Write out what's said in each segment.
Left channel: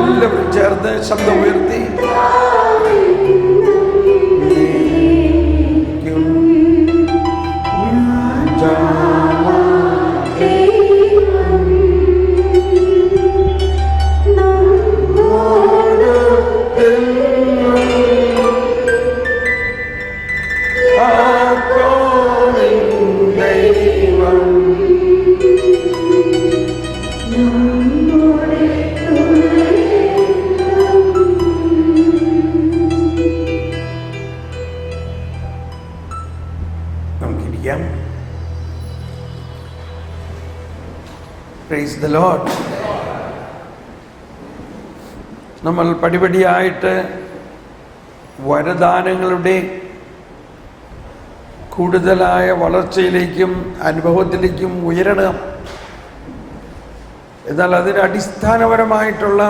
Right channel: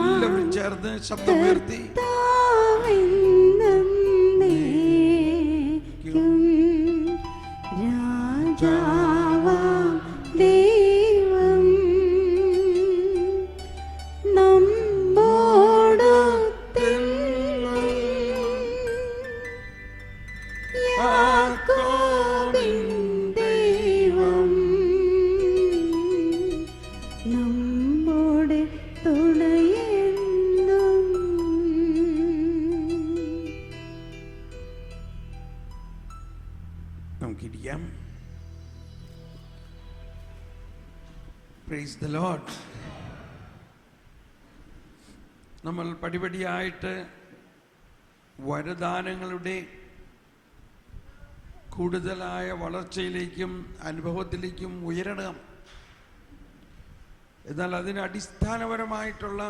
എല്ലാവരും ചേർന്ന് ശബ്ദം ഉയർത്തി Praise the Lord. നമ്മൾ പടിപടിയായിട്ട് വരദാനങ്ങളുടെ കൂടുതലായ വളർച്ചയിലേക്കും അനുഭവത്തിലേക്കും ഉയരണം. എന്നാൽ അതിന് അടിസ്ഥാനപരമായിട്ടുള്ള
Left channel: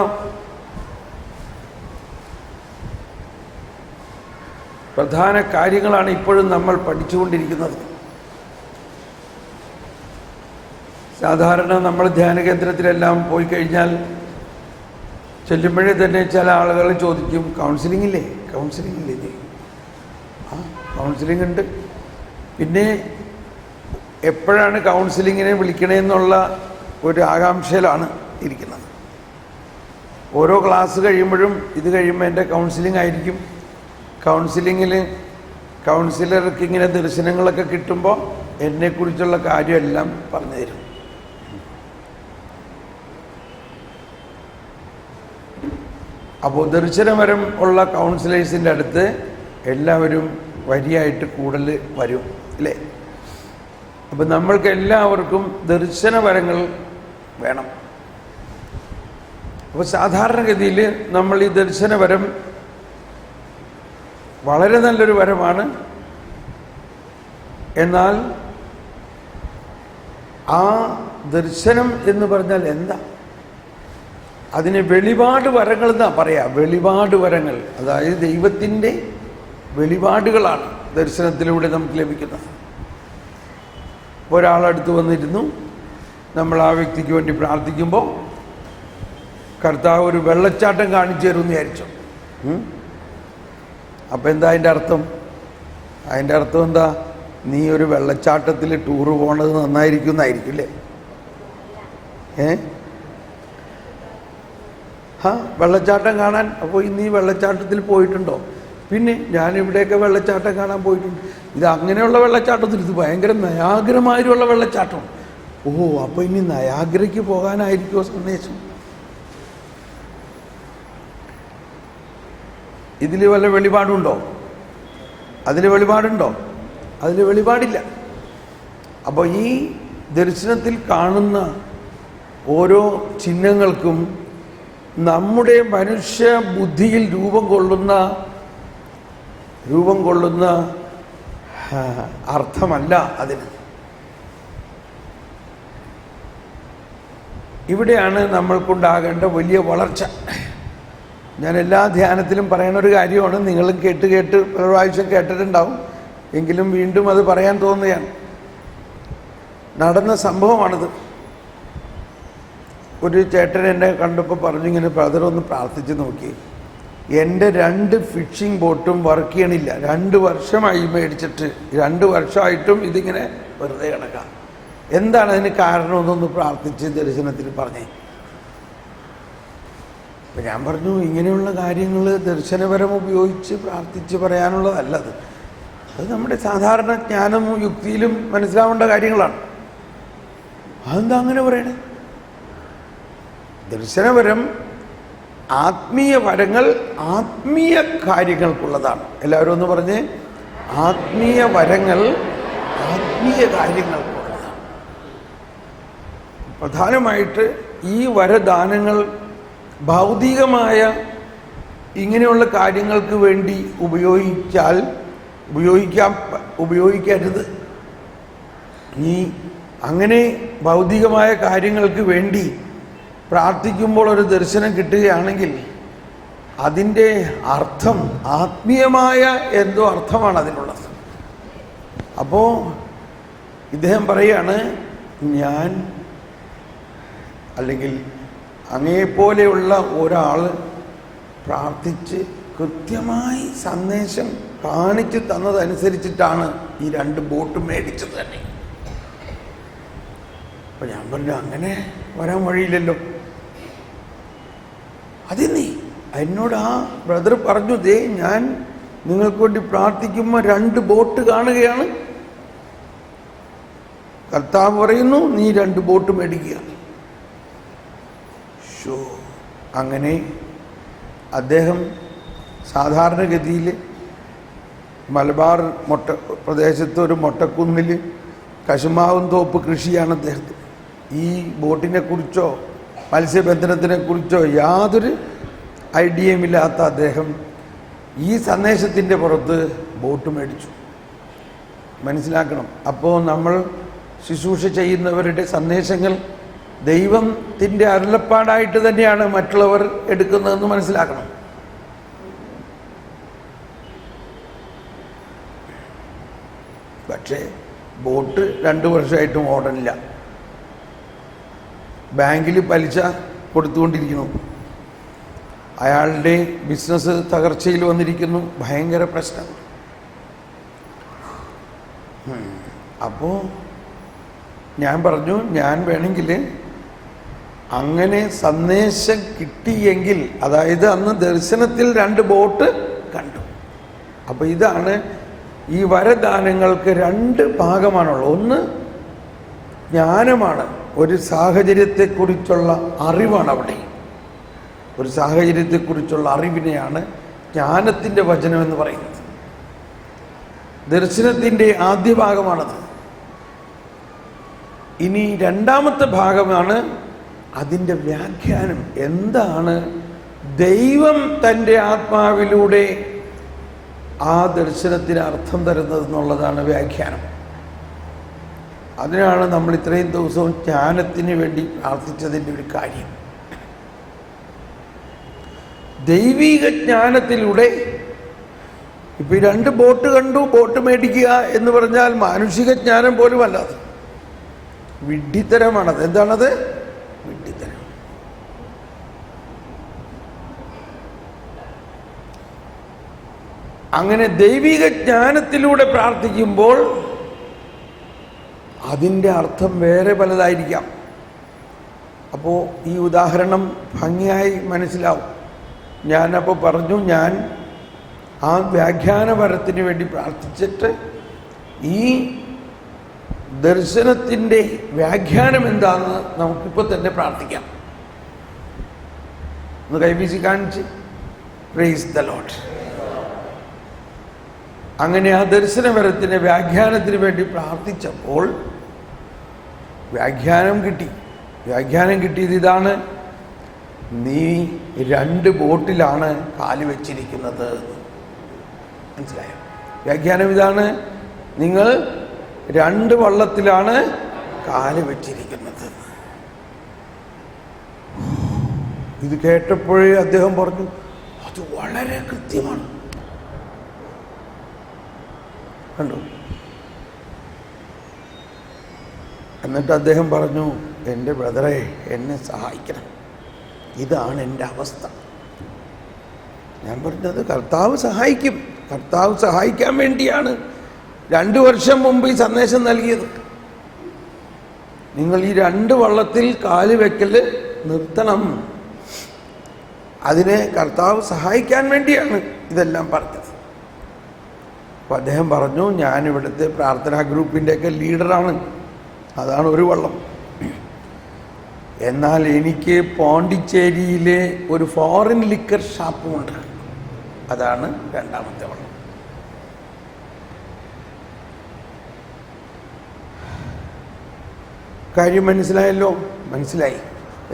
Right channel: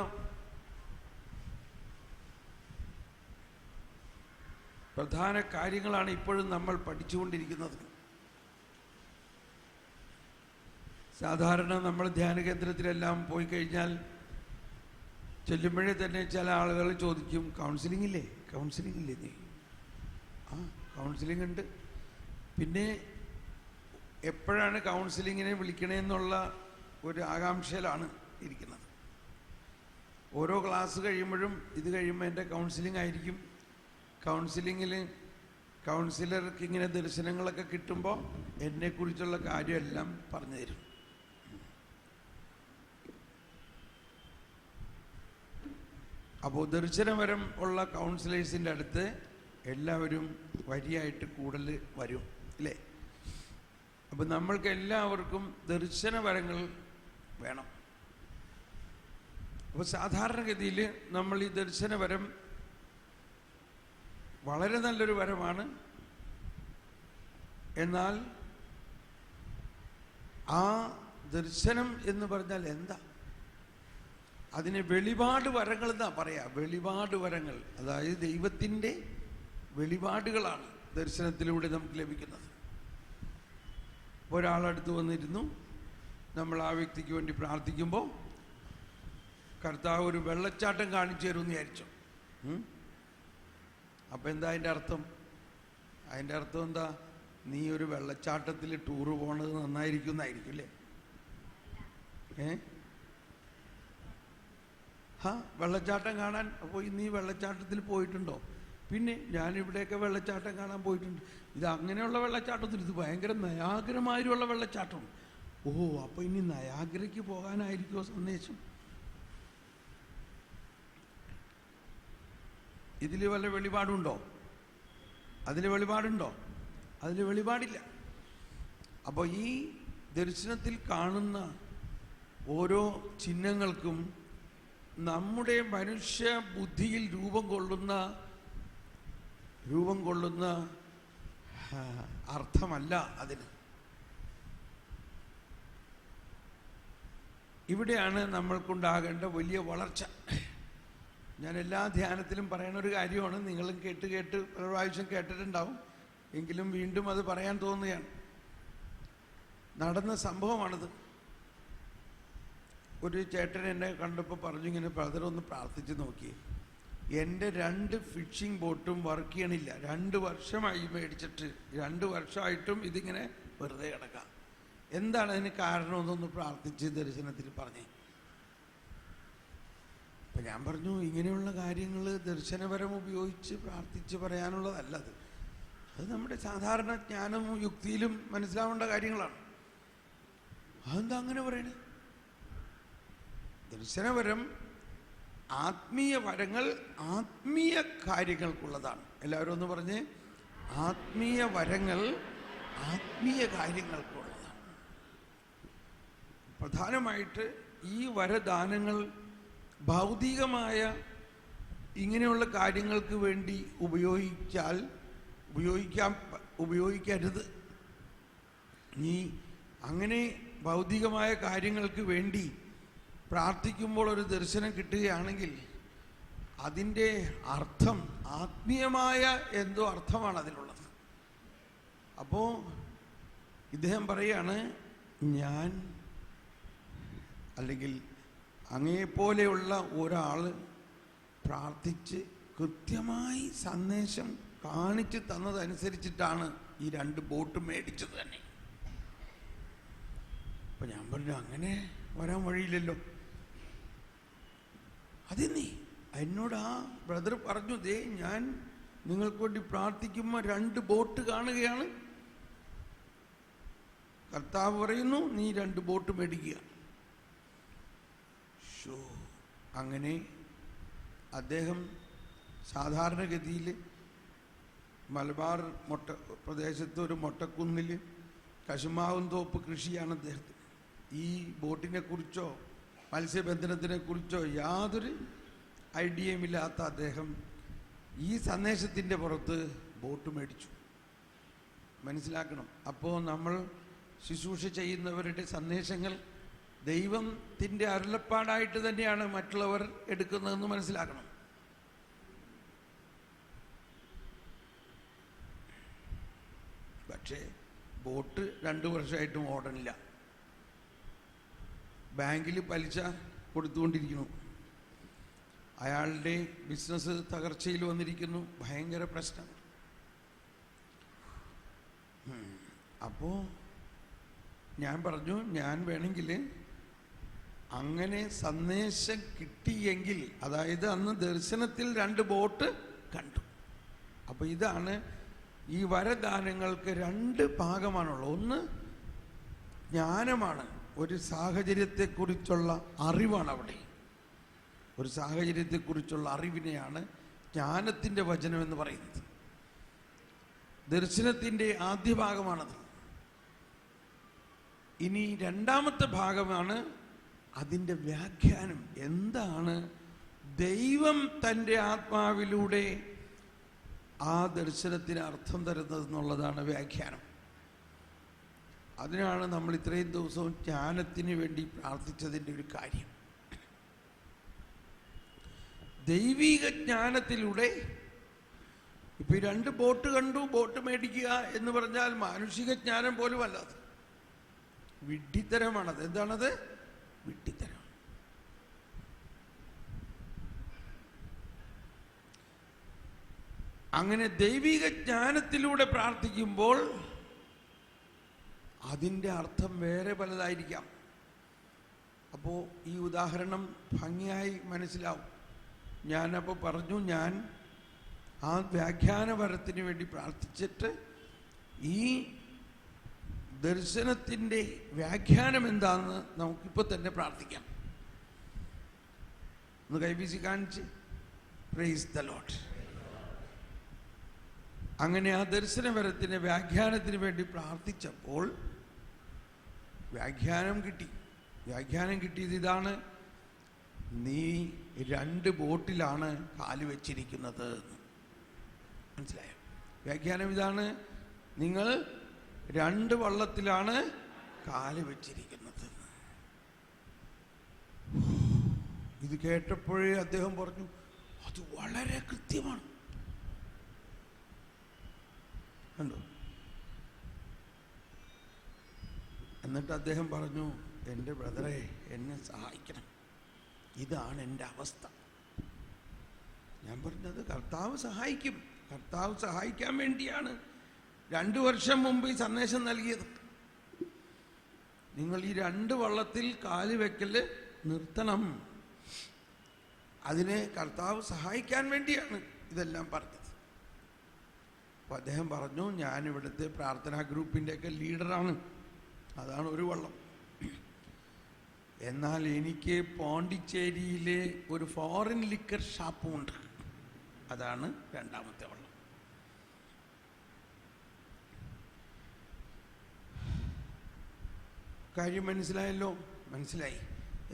പ്രധാന കാര്യങ്ങളാണ് ഇപ്പോഴും നമ്മൾ പഠിച്ചുകൊണ്ടിരിക്കുന്നത്. സാധാരണ നമ്മൾ ധ്യാന കേന്ദ്രത്തിലെല്ലാം പോയി കഴിഞ്ഞാൽ ചെല്ലുമ്പോഴേ തന്നെ ചില ആളുകൾ ചോദിക്കും, കൗൺസിലിംഗ് ഇല്ലേ? കൗൺസിലിംഗ് ഇല്ലേ? ആ, കൗൺസിലിംഗ് ഉണ്ട്. പിന്നെ എപ്പോഴാണ് കൗൺസിലിങ്ങിനെ വിളിക്കണമെന്നുള്ള ഒരു ആകാംക്ഷയിലാണ് ഇരിക്കുന്നത്. ഓരോ ക്ലാസ് കഴിയുമ്പോഴും ഇത് കഴിയുമ്പോൾ എൻ്റെ കൗൺസിലിംഗ് ആയിരിക്കും. കൗൺസിലിങ്ങിൽ കൗൺസിലർക്ക് ഇങ്ങനെ ദർശനങ്ങളൊക്കെ കിട്ടുമ്പോൾ എന്നെക്കുറിച്ചുള്ള കാര്യമെല്ലാം പറഞ്ഞു തരും. അപ്പോൾ ദർശനപരം ഉള്ള കൗൺസിലേഴ്സിൻ്റെ അടുത്ത് എല്ലാവരും വരിയായിട്ട് കൂടുതൽ വരും അല്ലേ? അപ്പം നമ്മൾക്ക് എല്ലാവർക്കും ദർശനപരങ്ങൾ വേണം. അപ്പോൾ സാധാരണഗതിയിൽ നമ്മൾ ഈ ദർശനപരം വളരെ നല്ലൊരു വരമാണ്. എന്നാൽ ആ ദർശനം എന്ന് പറഞ്ഞാൽ എന്താ? അതിന് വെളിപാട് വരങ്ങൾ എന്നാ പറയാ. വെളിപാട് വരങ്ങൾ, അതായത് ദൈവത്തിൻ്റെ വെളിപാടുകളാണ് ദർശനത്തിലൂടെ നമുക്ക് ലഭിക്കുന്നത്. ഒരാളടുത്ത് വന്നിരുന്നു, നമ്മൾ ആ വ്യക്തിക്ക് വേണ്ടി പ്രാർത്ഥിക്കുമ്പോൾ കർത്താവ് ഒരു വെള്ളച്ചാട്ടം കാണിച്ചു തരുമെന്ന് വിചാരിച്ചു. അപ്പം എന്താ അതിൻ്റെ അർത്ഥം? അതിൻ്റെ അർത്ഥം എന്താ? നീ ഒരു വെള്ളച്ചാട്ടത്തിൽ ടൂറ് പോണത് നന്നായിരിക്കും എന്നായിരിക്കും അല്ലേ? വെള്ളച്ചാട്ടം കാണാൻ. അപ്പോൾ ഇന്ന് ഈ വെള്ളച്ചാട്ടത്തിൽ പോയിട്ടുണ്ടോ? പിന്നെ ഞാനിവിടെയൊക്കെ വെള്ളച്ചാട്ടം കാണാൻ പോയിട്ടുണ്ട്. ഇത് അങ്ങനെയുള്ള വെള്ളച്ചാട്ടത്തിൽ, ഇത് ഭയങ്കര നയാഗ്രമായിട്ടുള്ള വെള്ളച്ചാട്ടം. ഓ, അപ്പോൾ ഇനി നയാഗ്രയ്ക്ക് പോകാനായിരിക്കുമോ സന്ദേശം? ഇതിൽ വല്ല വെളിപാടുണ്ടോ? അതിൽ വെളിപാടുണ്ടോ? അതിൽ വെളിപാടില്ല. അപ്പോൾ ഈ ദർശനത്തിൽ കാണുന്ന ഓരോ ചിഹ്നങ്ങൾക്കും നമ്മുടെ മനുഷ്യ ബുദ്ധിയിൽ രൂപം കൊള്ളുന്ന അർത്ഥമല്ല അതിന്. ഇവിടെയാണ് നമ്മൾക്കുണ്ടാകേണ്ട വലിയ വളർച്ച. ഞാൻ എല്ലാ ധ്യാനത്തിലും പറയുന്ന ഒരു കാര്യമാണ്. നിങ്ങളും കേട്ട് ഒരു പ്രാവശ്യം കേട്ടിട്ടുണ്ടാവും, എങ്കിലും വീണ്ടും അത് പറയാൻ തോന്നുകയാണ്. നടന്ന സംഭവമാണിത്. ഒരു ചേട്ടൻ എന്നെ കണ്ടപ്പോൾ പറഞ്ഞു, ഇങ്ങനെ ബ്രദർ ഒന്ന് പ്രാർത്ഥിച്ച് നോക്കി, എൻ്റെ 2 ഫിഷിംഗ് ബോട്ടും വർക്ക് ചെയ്യണില്ല. 2 വർഷമായി മേടിച്ചിട്ട്, 2 വർഷമായിട്ടും ഇതിങ്ങനെ വെറുതെ കിടക്കാം. എന്താണ് അതിന് കാരണം? എന്നൊന്ന് പ്രാർത്ഥിച്ച് ദർശനത്തിൽ പറഞ്ഞേ. അപ്പം ഞാൻ പറഞ്ഞു, ഇങ്ങനെയുള്ള കാര്യങ്ങൾ ദർശനപരം ഉപയോഗിച്ച് പ്രാർത്ഥിച്ച് പറയാനുള്ളതല്ലത്. അത് നമ്മുടെ സാധാരണ ജ്ഞാനവും യുക്തിയിലും മനസ്സിലാവേണ്ട കാര്യങ്ങളാണ്. അതെന്താ അങ്ങനെ പറയണേ? ദർശനപരം ആത്മീയ വരങ്ങൾ ആത്മീയ കാര്യങ്ങൾക്കുള്ളതാണ്. എല്ലാവരും ഒന്ന് പറഞ്ഞേ, ആത്മീയ വരങ്ങൾ ആത്മീയ കാര്യങ്ങൾക്കുള്ളതാണ്. പ്രധാനമായിട്ട് ഈ വരദാനങ്ങൾ ഭൗതികമായ ഇങ്ങനെയുള്ള കാര്യങ്ങൾക്ക് വേണ്ടി ഉപയോഗിക്കരുത്. ഈ അങ്ങനെ ഭൗതികമായ കാര്യങ്ങൾക്ക് വേണ്ടി പ്രാർത്ഥിക്കുമ്പോൾ ഒരു ദർശനം കിട്ടുകയാണെങ്കിൽ അതിൻ്റെ അർത്ഥം ആത്മീയമായ എന്തോ അർത്ഥമാണ് അതിനുള്ളത്. അപ്പോൾ ഇദ്ദേഹം പറയാണ്, ഞാൻ അല്ലെങ്കിൽ അങ്ങയെപ്പോലെയുള്ള ഒരാൾ പ്രാർത്ഥിച്ച് കൃത്യമായി സന്ദേശം കാണിച്ചു തന്നതനുസരിച്ചിട്ടാണ് ഈ 2 ബോട്ട് മേടിച്ചത് തന്നെ. അപ്പൊ ഞാൻ പറഞ്ഞു, അങ്ങനെ വരാൻ വഴിയില്ലല്ലോ. അതിന്നീ എന്നോട് ആ ബ്രദർ പറഞ്ഞു, ദേ ഞാൻ നിങ്ങൾക്ക് വേണ്ടി പ്രാർത്ഥിക്കുമ്പോൾ 2 ബോട്ട് കാണുകയാണ്. കർത്താവ് പറയുന്നു, നീ 2 ബോട്ട് മേടിക്കുക. അങ്ങനെ അദ്ദേഹം സാധാരണഗതിയിൽ മലബാർ പ്രദേശത്ത് ഒരു മൊട്ടക്കുന്നിൽ കശുമാവും തോപ്പ് കൃഷിയാണ് അദ്ദേഹത്തിന്. ഈ ബോട്ടിനെ കുറിച്ചോ മത്സ്യബന്ധനത്തിനെ കുറിച്ചോ യാതൊരു ഐഡിയയും ഇല്ലാത്ത അദ്ദേഹം ഈ സന്ദേശത്തിൻ്റെ പുറത്ത് ബോട്ട് മേടിച്ചു. മനസ്സിലാക്കണം. അപ്പോൾ നമ്മൾ ശുശ്രൂഷ ചെയ്യുന്നവരുടെ സന്ദേശങ്ങൾ ദൈവത്തിൻ്റെ അരുളപ്പാടായിട്ട് തന്നെയാണ് മറ്റുള്ളവർ എടുക്കുന്നതെന്ന് മനസ്സിലാക്കണം. പക്ഷേ ബോട്ട് 2 വർഷമായിട്ടും ഓടണില്ല. ബാങ്കിൽ പലിശ കൊടുത്തുകൊണ്ടിരിക്കുന്നു. അയാളുടെ ബിസിനസ് തകർച്ചയിൽ വന്നിരിക്കുന്നു. ഭയങ്കര പ്രശ്നം. അപ്പോൾ ഞാൻ പറഞ്ഞു, ഞാൻ വേണമെങ്കിൽ അങ്ങനെ സന്ദേശം കിട്ടിയെങ്കിൽ, അതായത് അന്ന് ദർശനത്തിൽ 2 ബോട്ട് കണ്ടു. അപ്പോൾ ഇതാണ് ഈ വരദാനങ്ങൾക്ക് 2 ഭാഗമാണുള്ളത്. ഒന്ന് ജ്ഞാനമാണ്, ഒരു സാഹചര്യത്തെക്കുറിച്ചുള്ള അറിവാണ്. അവിടെ ഒരു സാഹചര്യത്തെക്കുറിച്ചുള്ള അറിവിനെയാണ് ജ്ഞാനത്തിൻ്റെ വചനം എന്ന് പറയുന്നത്. ദർശനത്തിൻ്റെ ആദ്യ ഭാഗമാണത്. ഇനി രണ്ടാമത്തെ ഭാഗമാണ് അതിൻ്റെ വ്യാഖ്യാനം. എന്താണ് ദൈവം തൻ്റെ ആത്മാവിലൂടെ ആ ദർശനത്തിന് അർത്ഥം തരുന്നത് എന്നുള്ളതാണ് വ്യാഖ്യാനം. അതിനാണ് നമ്മൾ ഇത്രയും ദിവസവും ജ്ഞാനത്തിന് വേണ്ടി പ്രാർത്ഥിച്ചതിൻ്റെ ഒരു കാര്യം. ദൈവിക ജ്ഞാനത്തിലൂടെ ഇപ്പം 2 ബോട്ട് കണ്ടു, ബോട്ട് മേടിക്കുക എന്ന് പറഞ്ഞാൽ മാനുഷിക ജ്ഞാനം പോലും അല്ലാതെ വിഡ്ഢിത്തരമാണത്. എന്താണത്? വിഡ്ഢിത്തരം. അങ്ങനെ ദൈവിക ജ്ഞാനത്തിലൂടെ പ്രാർത്ഥിക്കുമ്പോൾ അതിൻ്റെ അർത്ഥം വേറെ പലതായിരിക്കാം. അപ്പോൾ ഈ ഉദാഹരണം ഭംഗിയായി മനസ്സിലാവും. ഞാനപ്പോൾ പറഞ്ഞു, ഞാൻ ആ വ്യാഖ്യാനപരത്തിന് വേണ്ടി പ്രാർത്ഥിച്ചിട്ട് ഈ ദർശനത്തിൻ്റെ വ്യാഖ്യാനം എന്താണെന്ന് നമുക്കിപ്പോൾ തന്നെ പ്രാർത്ഥിക്കാം. ഒന്ന് കൈവീശി കാണിച്ച് പ്രൈസ് ദ ലോർഡ്. അങ്ങനെ ആ ദർശനപരത്തിൻ്റെ വ്യാഖ്യാനത്തിന് വേണ്ടി പ്രാർത്ഥിച്ചപ്പോൾ വ്യാഖ്യാനം കിട്ടി. വ്യാഖ്യാനം കിട്ടിയത് ഇതാണ്: നീ 2 ബോട്ടിലാണ് കാല് വെച്ചിരിക്കുന്നത്. മനസ്സിലായോ? വ്യാഖ്യാനം ഇതാണ്: നിങ്ങൾ 2 വള്ളത്തിലാണ് കാല് വെച്ചിരിക്കുന്നത്. ഇത് കേട്ടപ്പോഴേ അദ്ദേഹം പറഞ്ഞു, അത് വളരെ കൃത്യമാണ്. കണ്ടു? എന്നിട്ട് അദ്ദേഹം പറഞ്ഞു, എൻ്റെ ബ്രദറെ, എന്നെ സഹായിക്കണം, ഇതാണ് എൻ്റെ അവസ്ഥ. ഞാൻ പറഞ്ഞത് കർത്താവ് സഹായിക്കും. കർത്താവ് സഹായിക്കാൻ വേണ്ടിയാണ് 2 വർഷം മുമ്പ് ഈ സന്ദേശം നൽകിയത്. നിങ്ങൾ ഈ 2 വള്ളത്തിൽ കാല് വെക്കൽ നിർത്തണം. അതിനെ കർത്താവ് സഹായിക്കാൻ വേണ്ടിയാണ് ഇതെല്ലാം പറഞ്ഞത്. അപ്പോൾ അദ്ദേഹം പറഞ്ഞു, ഞാനിവിടുത്തെ പ്രാർത്ഥനാ ഗ്രൂപ്പിൻ്റെയൊക്കെ ലീഡറാണ്, അതാണ് ഒരു വള്ളം. എന്നാൽ എനിക്ക് പോണ്ടിച്ചേരിയിലെ ഒരു ഫോറിൻ ലിക്കർ ഷാപ്പുമുണ്ട്, അതാണ് 2ാമത്തെ വള്ളം. കാര്യം മനസ്സിലായല്ലോ? മനസ്സിലായി.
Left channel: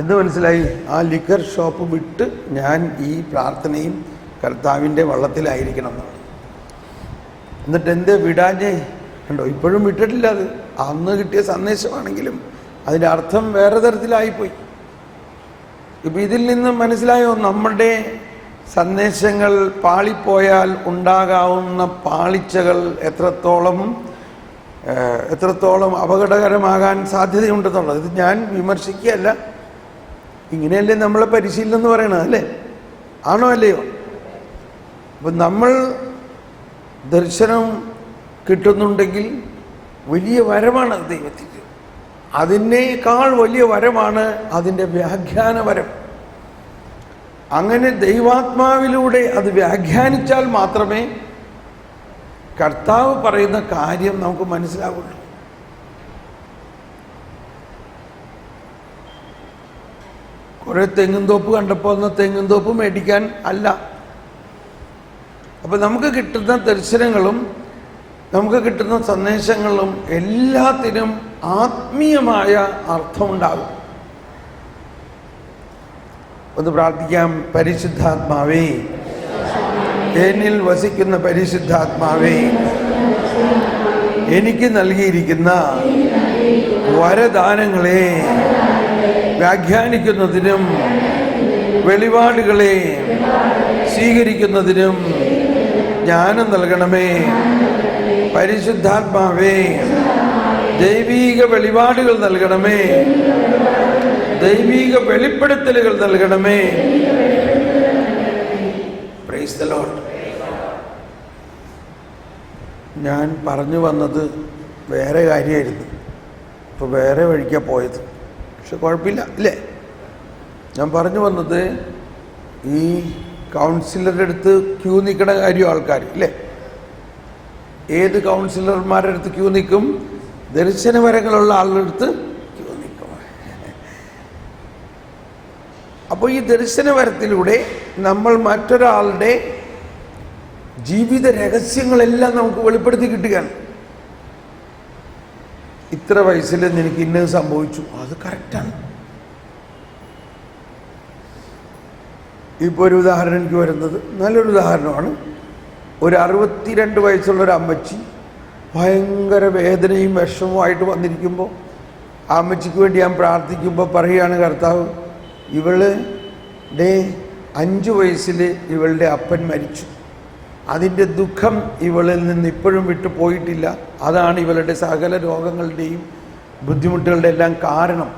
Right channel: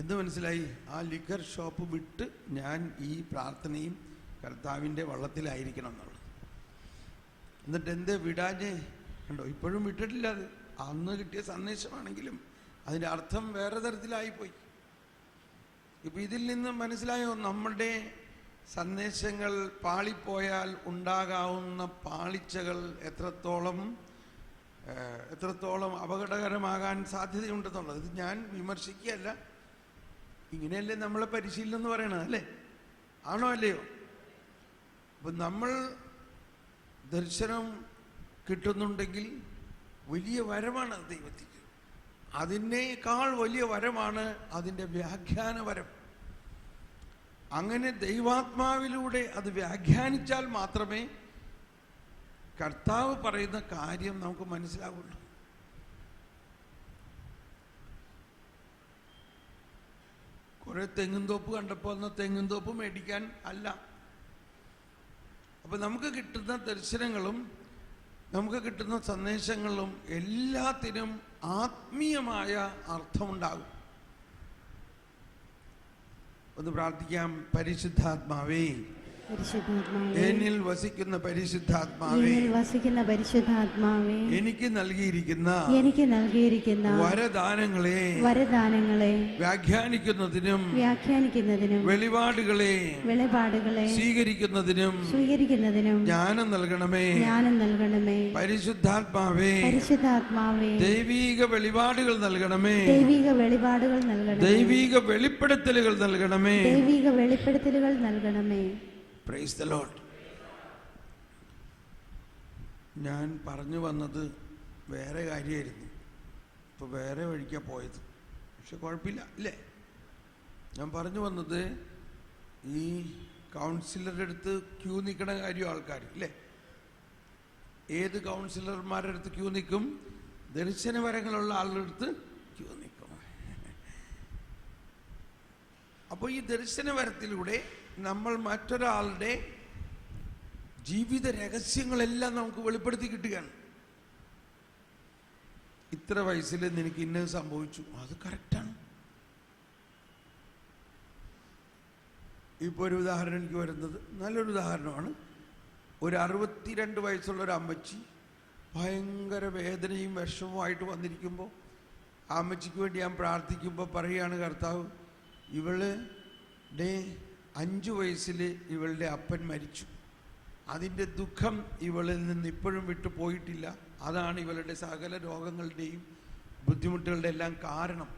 എന്ത് മനസ്സിലായി? ആ ലിക്കർ ഷോപ്പ് വിട്ട് ഞാൻ ഈ പ്രാർത്ഥനയും കർത്താവിൻ്റെ വള്ളത്തിലായിരിക്കണം എന്നാണ്. എന്നിട്ട് എന്തേ വിടാഞ്ഞേ? കണ്ടോ, ഇപ്പോഴും വിട്ടിട്ടില്ല. അത് അന്ന് കിട്ടിയ സന്ദേശമാണെങ്കിലും അതിൻ്റെ അർത്ഥം വേറെ തരത്തിലായിപ്പോയി. ഇപ്പം ഇതിൽ നിന്ന് മനസ്സിലായോ നമ്മുടെ സന്ദേശങ്ങൾ പാളിപ്പോയാൽ ഉണ്ടാകാവുന്ന പാളിച്ചകൾ എത്രത്തോളം എത്രത്തോളം അപകടകരമാകാൻ സാധ്യതയുണ്ടെന്നുള്ളത്. ഇത് ഞാൻ വിമർശിക്കുകയല്ല, ഇങ്ങനെയല്ലേ നമ്മളെ പരിശീലനം എന്ന് പറയണത്, അല്ലേ? ആണോ അല്ലയോ? അപ്പം നമ്മൾ ദർശനം കിട്ടുന്നുണ്ടെങ്കിൽ വലിയ വരമാണ് ദൈവത്തിൻ്റെ. അതിനേക്കാൾ വലിയ വരമാണ് അതിൻ്റെ വ്യാഖ്യാനവരം. അങ്ങനെ ദൈവാത്മാവിലൂടെ അത് വ്യാഖ്യാനിച്ചാൽ മാത്രമേ കർത്താവ് പറയുന്ന കാര്യം നമുക്ക് മനസ്സിലാവുള്ളൂ. കുറെ തെങ്ങുംതോപ്പ് കണ്ടപ്പോൾ ഒന്ന് തെങ്ങുംതോപ്പ് മേടിക്കാൻ അല്ല. അപ്പം നമുക്ക് കിട്ടുന്ന ദർശനങ്ങളും നമുക്ക് കിട്ടുന്ന സന്ദേശങ്ങളും എല്ലാത്തിനും ആത്മീയമായ അർത്ഥമുണ്ടാകും. ഒന്ന് പ്രാർത്ഥിക്കാം. പരിശുദ്ധാത്മാവേ, എന്നിൽ വസിക്കുന്ന പരിശുദ്ധാത്മാവേ, എനിക്ക് നൽകിയിരിക്കുന്ന വരദാനങ്ങളെ വ്യാഖ്യാനിക്കുന്നതിനും വെളിപാടുകളെ സ്വീകരിക്കുന്നതിനും ജ്ഞാനം നൽകണമേ. പരിശുദ്ധാത്മാവേ, ദൈവീക വെളിപാടുകൾ നൽകണമേ, ദൈവീക വെളിപ്പെടുത്തലുകൾ നൽകണമേ. Praise the Lord. ഞാൻ പറഞ്ഞു വന്നത് വേറെ കാര്യമായിരുന്നു, ഇപ്പോൾ വേറെ വഴിക്കാണ് പോയത്. പക്ഷെ കുഴപ്പമില്ല, ഇല്ലേ? ഞാൻ പറഞ്ഞു വന്നത് ഈ കൗൺസിലറുടെ അടുത്ത് ക്യൂ നിൽക്കണ കാര്യം ആൾക്കാർ, ഇല്ലേ? ഏത് കൗൺസിലർമാരുടെ അടുത്ത് ക്യൂ നിൽക്കും? ദർശനവരങ്ങളുള്ള ആളുടെ അടുത്ത് ക്യൂ നിൽക്കും. അപ്പോൾ ഈ ദർശനവരത്തിലൂടെ നമ്മൾ മറ്റൊരാളുടെ ജീവിത രഹസ്യങ്ങളെല്ലാം നമുക്ക് വെളിപ്പെടുത്തി കിട്ടുകയാണ്. ഇത്ര വയസ്സിൽ എനിക്ക് ഇന്നത് സംഭവിച്ചു, അത് കറക്റ്റാണ്. ഇപ്പോൾ ഒരു ഉദാഹരണം എനിക്ക് വരുന്നത് നല്ലൊരു ഉദാഹരണമാണ്. ഒരു 62 വയസ്സുള്ളൊരു അമ്മച്ചി ഭയങ്കര വേദനയും വിഷമവുമായിട്ട് വന്നിരിക്കുമ്പോൾ ആ അമ്മച്ചിക്ക് വേണ്ടി ഞാൻ പ്രാർത്ഥിക്കുമ്പോൾ പറയുകയാണ്, കർത്താവ്, ഇവളുടെ 5 വയസ്സിൽ ഇവളുടെ അപ്പൻ മരിച്ചു. അതിൻ്റെ ദുഃഖം ഇവളിൽ നിന്ന് ഇപ്പോഴും വിട്ടു പോയിട്ടില്ല. അതാണ് ഇവളുടെ സകല രോഗങ്ങളുടെയും ബുദ്ധിമുട്ടുകളുടെ എല്ലാം കാരണം.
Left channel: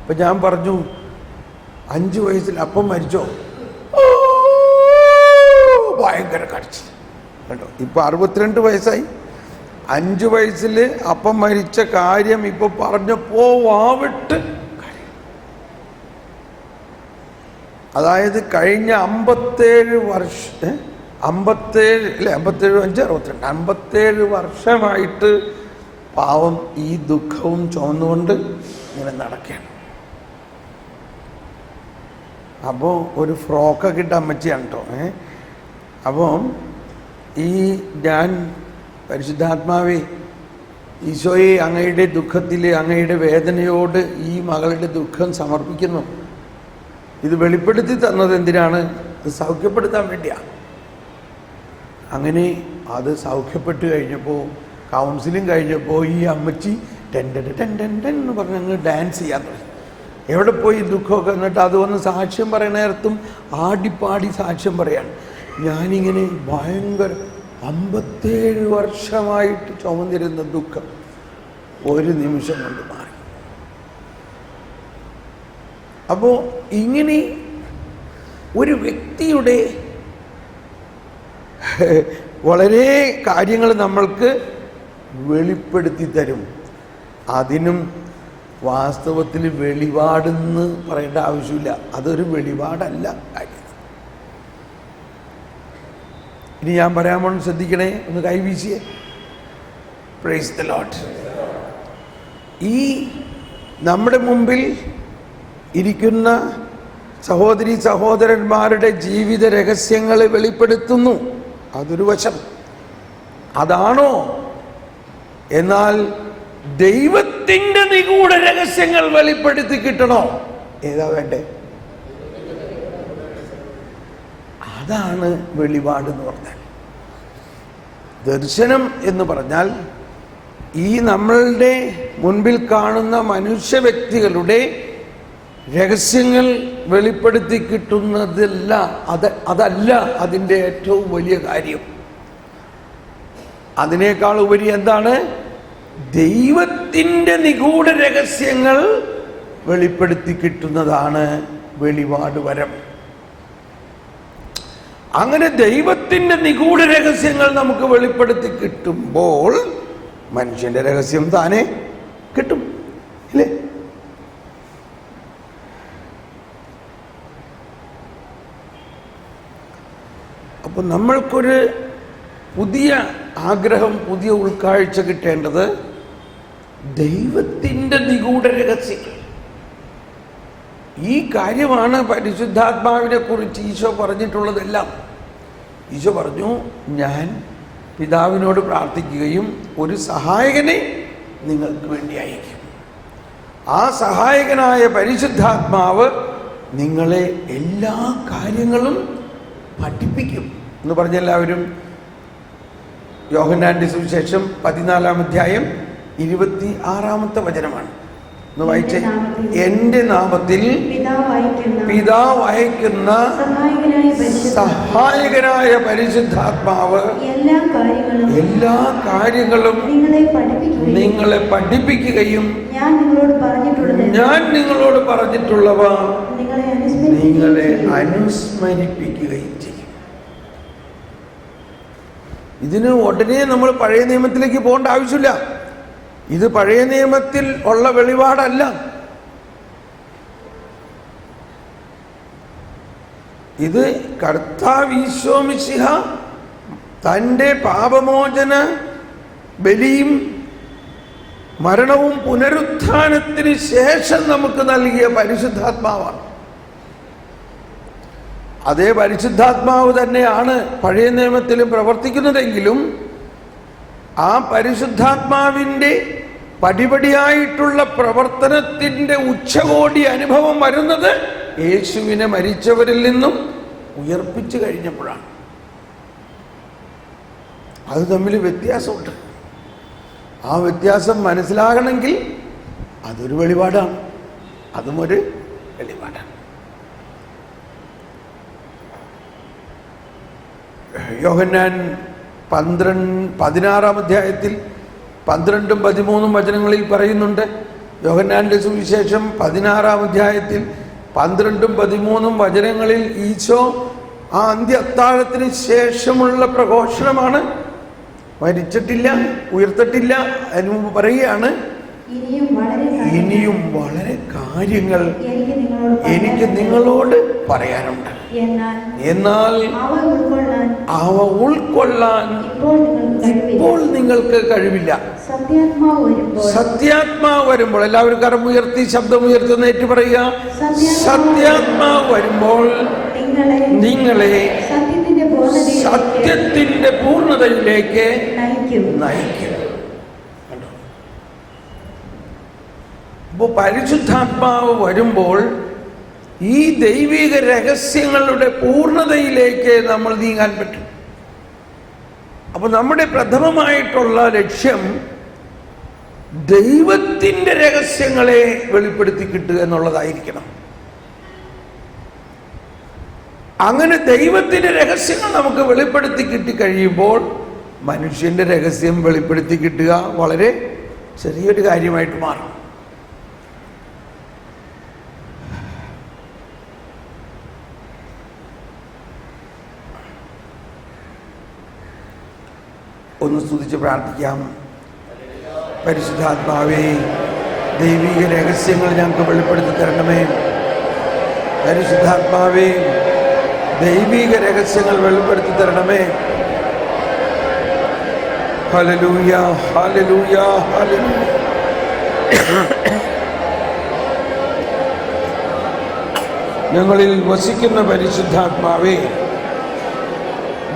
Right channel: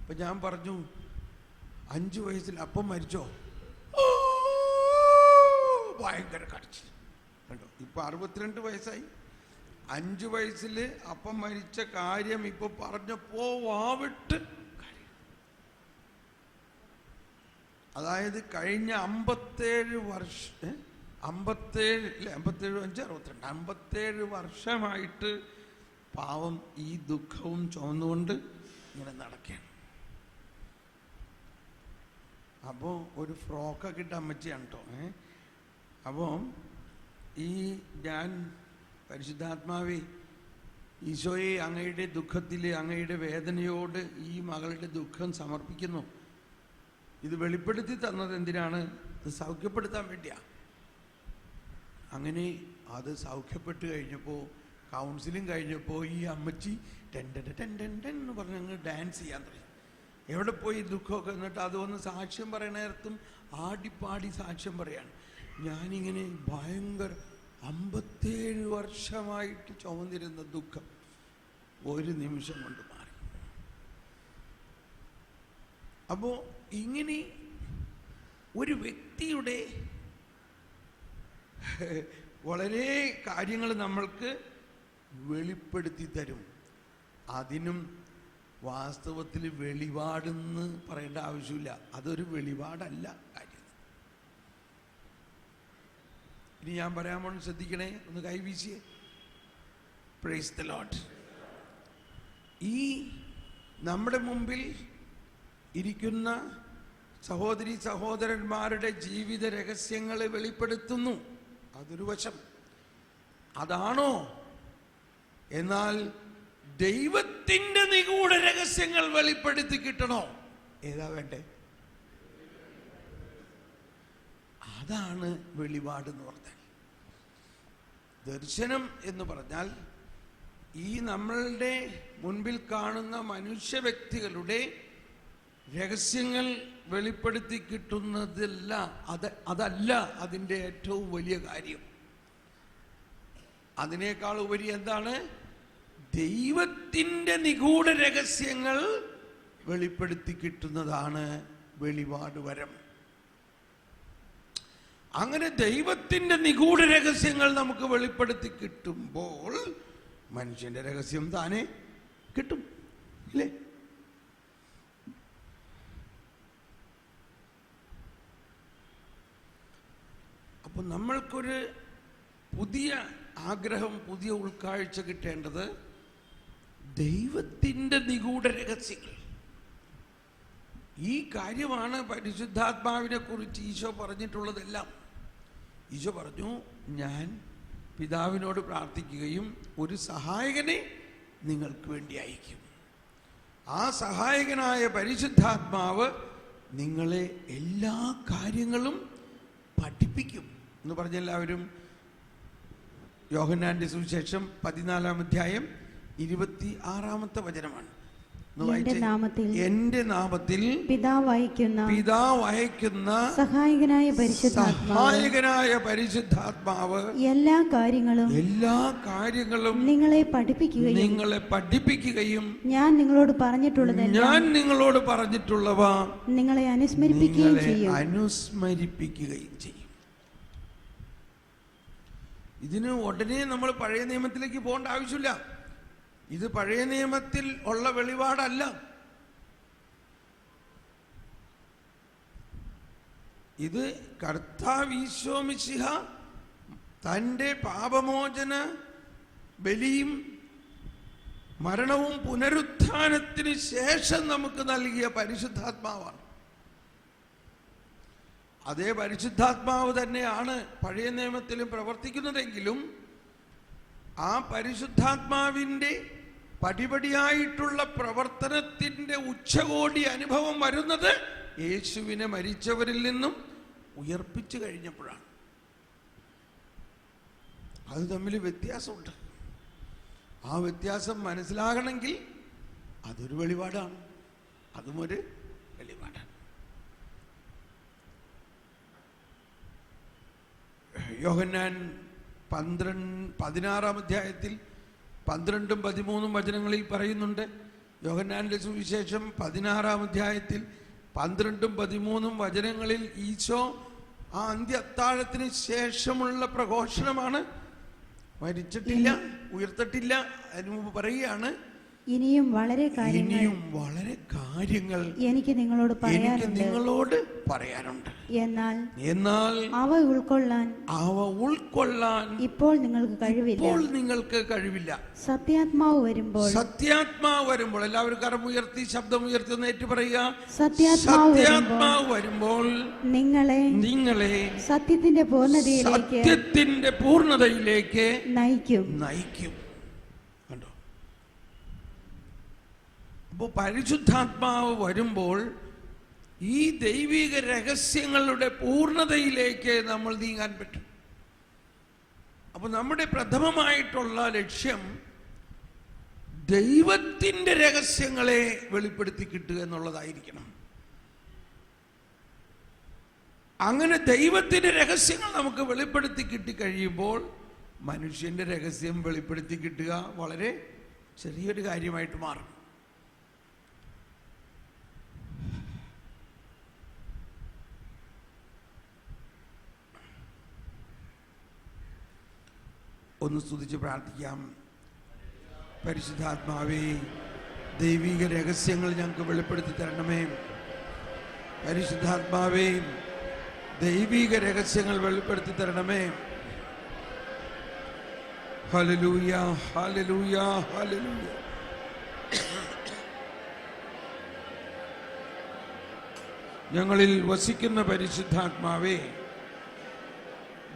അപ്പം ഞാൻ പറഞ്ഞു, 5 വയസ്സിൽ അപ്പം മരിച്ചോ? ഭയങ്കര കരച്ചിൽ കേട്ടോ. ഇപ്പം 62 വയസ്സായി. 5 വയസ്സിൽ അപ്പം മരിച്ച കാര്യം ഇപ്പോൾ പറഞ്ഞപ്പോൾ വാവിട്ട്. അതായത് കഴിഞ്ഞ 57 വർഷം 57 വർഷമായിട്ട് പാവം ഈ ദുഃഖവും ചുമന്നുകൊണ്ട് ഇങ്ങനെ നടക്കുകയാണ്. അപ്പോൾ ഒരു ഫ്രോക്കൊക്കെ ഇട്ട അമ്മച്ചിയാണ് കേട്ടോ. അപ്പം ഈ ഞാൻ പരിശുദ്ധാത്മാവേ, ഈശോയെ, അങ്ങയുടെ ദുഃഖത്തിൽ, അങ്ങയുടെ വേദനയോട് ഈ മകളുടെ ദുഃഖം സമർപ്പിക്കുന്നു. ഇത് വെളിപ്പെടുത്തി തന്നത് എന്തിനാണ്? അത് സൗഖ്യപ്പെടുത്താൻ വേണ്ടിയാണ്. അങ്ങനെ അത് സൗഖ്യപ്പെട്ട് കഴിഞ്ഞപ്പോൾ, കൗൺസിലിംഗ് കഴിഞ്ഞപ്പോൾ ഈ അമ്മച്ചി എന്ന് പറഞ്ഞ് അങ്ങ് ഡാൻസ് ചെയ്യാൻ തുടങ്ങി. എവിടെ പോയി ദുഃഖമൊക്കെ. എന്നിട്ട് അത് വന്ന് സാക്ഷ്യം പറയുന്ന നേരത്തും ആടിപ്പാടി സാക്ഷ്യം പറയാണ്. ഞാനിങ്ങനെ ഭയങ്കര 57 വർഷമായിട്ട് ചുമന്നിരുന്ന ദുഃഖം ഒരു നിമിഷം കൊണ്ട് മാറി. അപ്പോൾ ഇങ്ങനെ ഒരു വ്യക്തിയുടെ വളരെ കാര്യങ്ങൾ നമ്മൾക്ക് വെളിപ്പെടുത്തി തരും. അതിനും വാസ്തവത്തിൽ വെളിപാടെന്ന് പറയേണ്ട ആവശ്യമില്ല. അതൊരു വെളിപാടല്ല കാര്യം. ഇനി ഞാൻ പറയാൻ പോകണം, ശ്രദ്ധിക്കണേ, ഒന്ന് കൈവീശിയേ. Praise the Lord. ഈ നമ്മുടെ മുമ്പിൽ ഇരിക്കുന്ന സഹോദരി സഹോദരന്മാരുടെ ജീവിത രഹസ്യങ്ങളെ വെളിപ്പെടുത്തുന്നു. അതൊരു വശം. അതാണോ? എന്നാൽ ദൈവത്തിൻ്റെ നിഗൂഢ രഹസ്യങ്ങൾ വെളിപ്പെടുത്തി കിട്ടണോ? ഏതാ വേണ്ടേ? അതാണ് വെളിപാട് എന്ന് പറഞ്ഞാൽ. ദർശനം എന്ന് പറഞ്ഞാൽ ഈ നമ്മളുടെ മുൻപിൽ കാണുന്ന മനുഷ്യ വ്യക്തികളുടെ രഹസ്യങ്ങൾ വെളിപ്പെടുത്തി കിട്ടുന്നതല്ല. അതല്ല അതിൻ്റെ ഏറ്റവും വലിയ കാര്യം. അതിനേക്കാൾ ഉപരി എന്താണ്? ദൈവത്തിൻ്റെ നിഗൂഢ രഹസ്യങ്ങൾ വെളിപ്പെടുത്തി കിട്ടുന്നതാണ് വെളിപാട് വരം. അങ്ങനെ ദൈവത്തിൻ്റെ നിഗൂഢ രഹസ്യങ്ങൾ നമുക്ക് വെളിപ്പെടുത്തി കിട്ടുമ്പോൾ മനുഷ്യന്റെ രഹസ്യം താനെ കിട്ടും, ഇല്ലേ? അപ്പൊ നമ്മൾക്കൊരു പുതിയ ആഗ്രഹം, പുതിയ ഉൾക്കാഴ്ച കിട്ടേണ്ടത് ദൈവത്തിൻ്റെ നിഗൂഢ രഹസ്യങ്ങൾ. ഈ കാര്യമാണ് പരിശുദ്ധാത്മാവിനെ കുറിച്ച് ഈശോ പറഞ്ഞിട്ടുള്ളതെല്ലാം. ഈശോ പറഞ്ഞു, ഞാൻ പിതാവിനോട് പ്രാർത്ഥിക്കുകയും ഒരു സഹായകനെ നിങ്ങൾക്ക് വേണ്ടി അയക്കും. ആ സഹായകനായ പരിശുദ്ധാത്മാവ് നിങ്ങളെ എല്ലാ കാര്യങ്ങളും പഠിപ്പിക്കും എന്ന് പറഞ്ഞ എല്ലാവരും യോഹന്നാന്റെ സുവിശേഷം 14-ാം അധ്യായം 26-ാമത്തെ വചനമാണ്. ഒന്ന് വായിച്ചേ. എന്റെ നാമത്തിൽ പിതാവ് അയക്കുന്ന സഹായകനായ പരിശുദ്ധാത്മാവ് എല്ലാ കാര്യങ്ങളും നിങ്ങളെ പഠിപ്പിക്കുകയും ഞാൻ നിങ്ങളോട് പറഞ്ഞിട്ടുള്ളവ നിങ്ങളെ അനുസ്മരിപ്പിക്കുകയും ചെയ്യും. ഇതിന് ഉടനെ നമ്മൾ പഴയ നിയമത്തിലേക്ക് പോകേണ്ട ആവശ്യമില്ല. ഇത് പഴയ നിയമത്തിൽ ഉള്ള വെളിപാടല്ല. ഇത് കർത്താവ് ഈശോ മിശിഹ തൻ്റെ പാപമോചന ബലിയും മരണവും പുനരുത്ഥാനത്തിന് ശേഷം നമുക്ക് നൽകിയ പരിശുദ്ധാത്മാവാണ്. അതേ പരിശുദ്ധാത്മാവ് തന്നെയാണ് പഴയ നിയമത്തിലും പ്രവർത്തിക്കുന്നതെങ്കിലും ആ പരിശുദ്ധാത്മാവിൻ്റെ പടിപടിയായിട്ടുള്ള പ്രവർത്തനത്തിൻ്റെ ഉച്ചകോടി അനുഭവം വരുന്നത് യേശുവിനെ മരിച്ചവരിൽ നിന്നും ഉയർപ്പിച്ചു കഴിഞ്ഞപ്പോഴാണ്. അത് തമ്മിൽ വ്യത്യാസമുണ്ട്. ആ വ്യത്യാസം മനസ്സിലാകണമെങ്കിൽ അതൊരു വെളിപാടാണ്, അതും ഒരു വെളിപാടാണ്. യോഹന്നാൻ 16-ാം അധ്യായത്തിൽ 12-ഉം 13-ഉം വചനങ്ങളിൽ പറയുന്നുണ്ട്. യോഹന്നാന്റെ സുവിശേഷം 16-ാം അധ്യായത്തിൽ 12-ഉം 13-ഉം വചനങ്ങളിൽ ഈശോ ആ അന്ത്യ അത്താഴത്തിന് ശേഷമുള്ള പ്രഘോഷണമാണ്. മരിച്ചിട്ടില്ല, ഉയർത്തിട്ടില്ല. അതിനു മുമ്പ് പറയുകയാണ്, ഇനിയും വളരെ കാര്യങ്ങൾ എനിക്ക് നിങ്ങളോട് പറയാനുണ്ട്. എന്നാൽ അവ ഉൾക്കൊള്ളാൻ ഇപ്പോൾ നിങ്ങൾക്ക് കഴിവില്ല. സത്യാത്മാവ് വരുമ്പോൾ, എല്ലാവരും കരമുയർത്തി ശബ്ദമുയർത്തുന്ന ഏറ്റു പറയുക, സത്യാത്മാവ് വരുമ്പോൾ നിങ്ങളെ സത്യത്തിന്റെ പൂർണ്ണതയിലേക്ക് നയിക്കും. അപ്പോൾ പരിശുദ്ധാത്മാവ് വരുമ്പോൾ ഈ ദൈവിക രഹസ്യങ്ങളുടെ പൂർണ്ണതയിലേക്ക് നമ്മൾ നീങ്ങാൻ പറ്റും. അപ്പോൾ നമ്മുടെ പ്രഥമമായിട്ടുള്ള ലക്ഷ്യം ദൈവത്തിൻ്റെ രഹസ്യങ്ങളെ വെളിപ്പെടുത്തി കിട്ടുക എന്നുള്ളതായിരിക്കണം. അങ്ങനെ ദൈവത്തിൻ്റെ രഹസ്യങ്ങൾ നമുക്ക് വെളിപ്പെടുത്തി കിട്ടിക്കഴിയുമ്പോൾ മനുഷ്യന്റെ രഹസ്യം വെളിപ്പെടുത്തി കിട്ടുക വളരെ ചെറിയൊരു കാര്യമായിട്ട് മാറും. ഒന്ന് സ്തുതിച്ച് പ്രാർത്ഥിക്കാം. പരിശുദ്ധാത്മാവേ, ദൈവിക രഹസ്യങ്ങൾ ഞങ്ങൾക്ക് വെളിപ്പെടുത്തി തരണമേ. പരിശുദ്ധാത്മാവേ, ദൈവിക രഹസ്യങ്ങൾ വെളിപ്പെടുത്തി തരണമേ. Hallelujah, hallelujah, hallelujah. ഞങ്ങളിൽ വസിക്കുന്ന പരിശുദ്ധാത്മാവേ,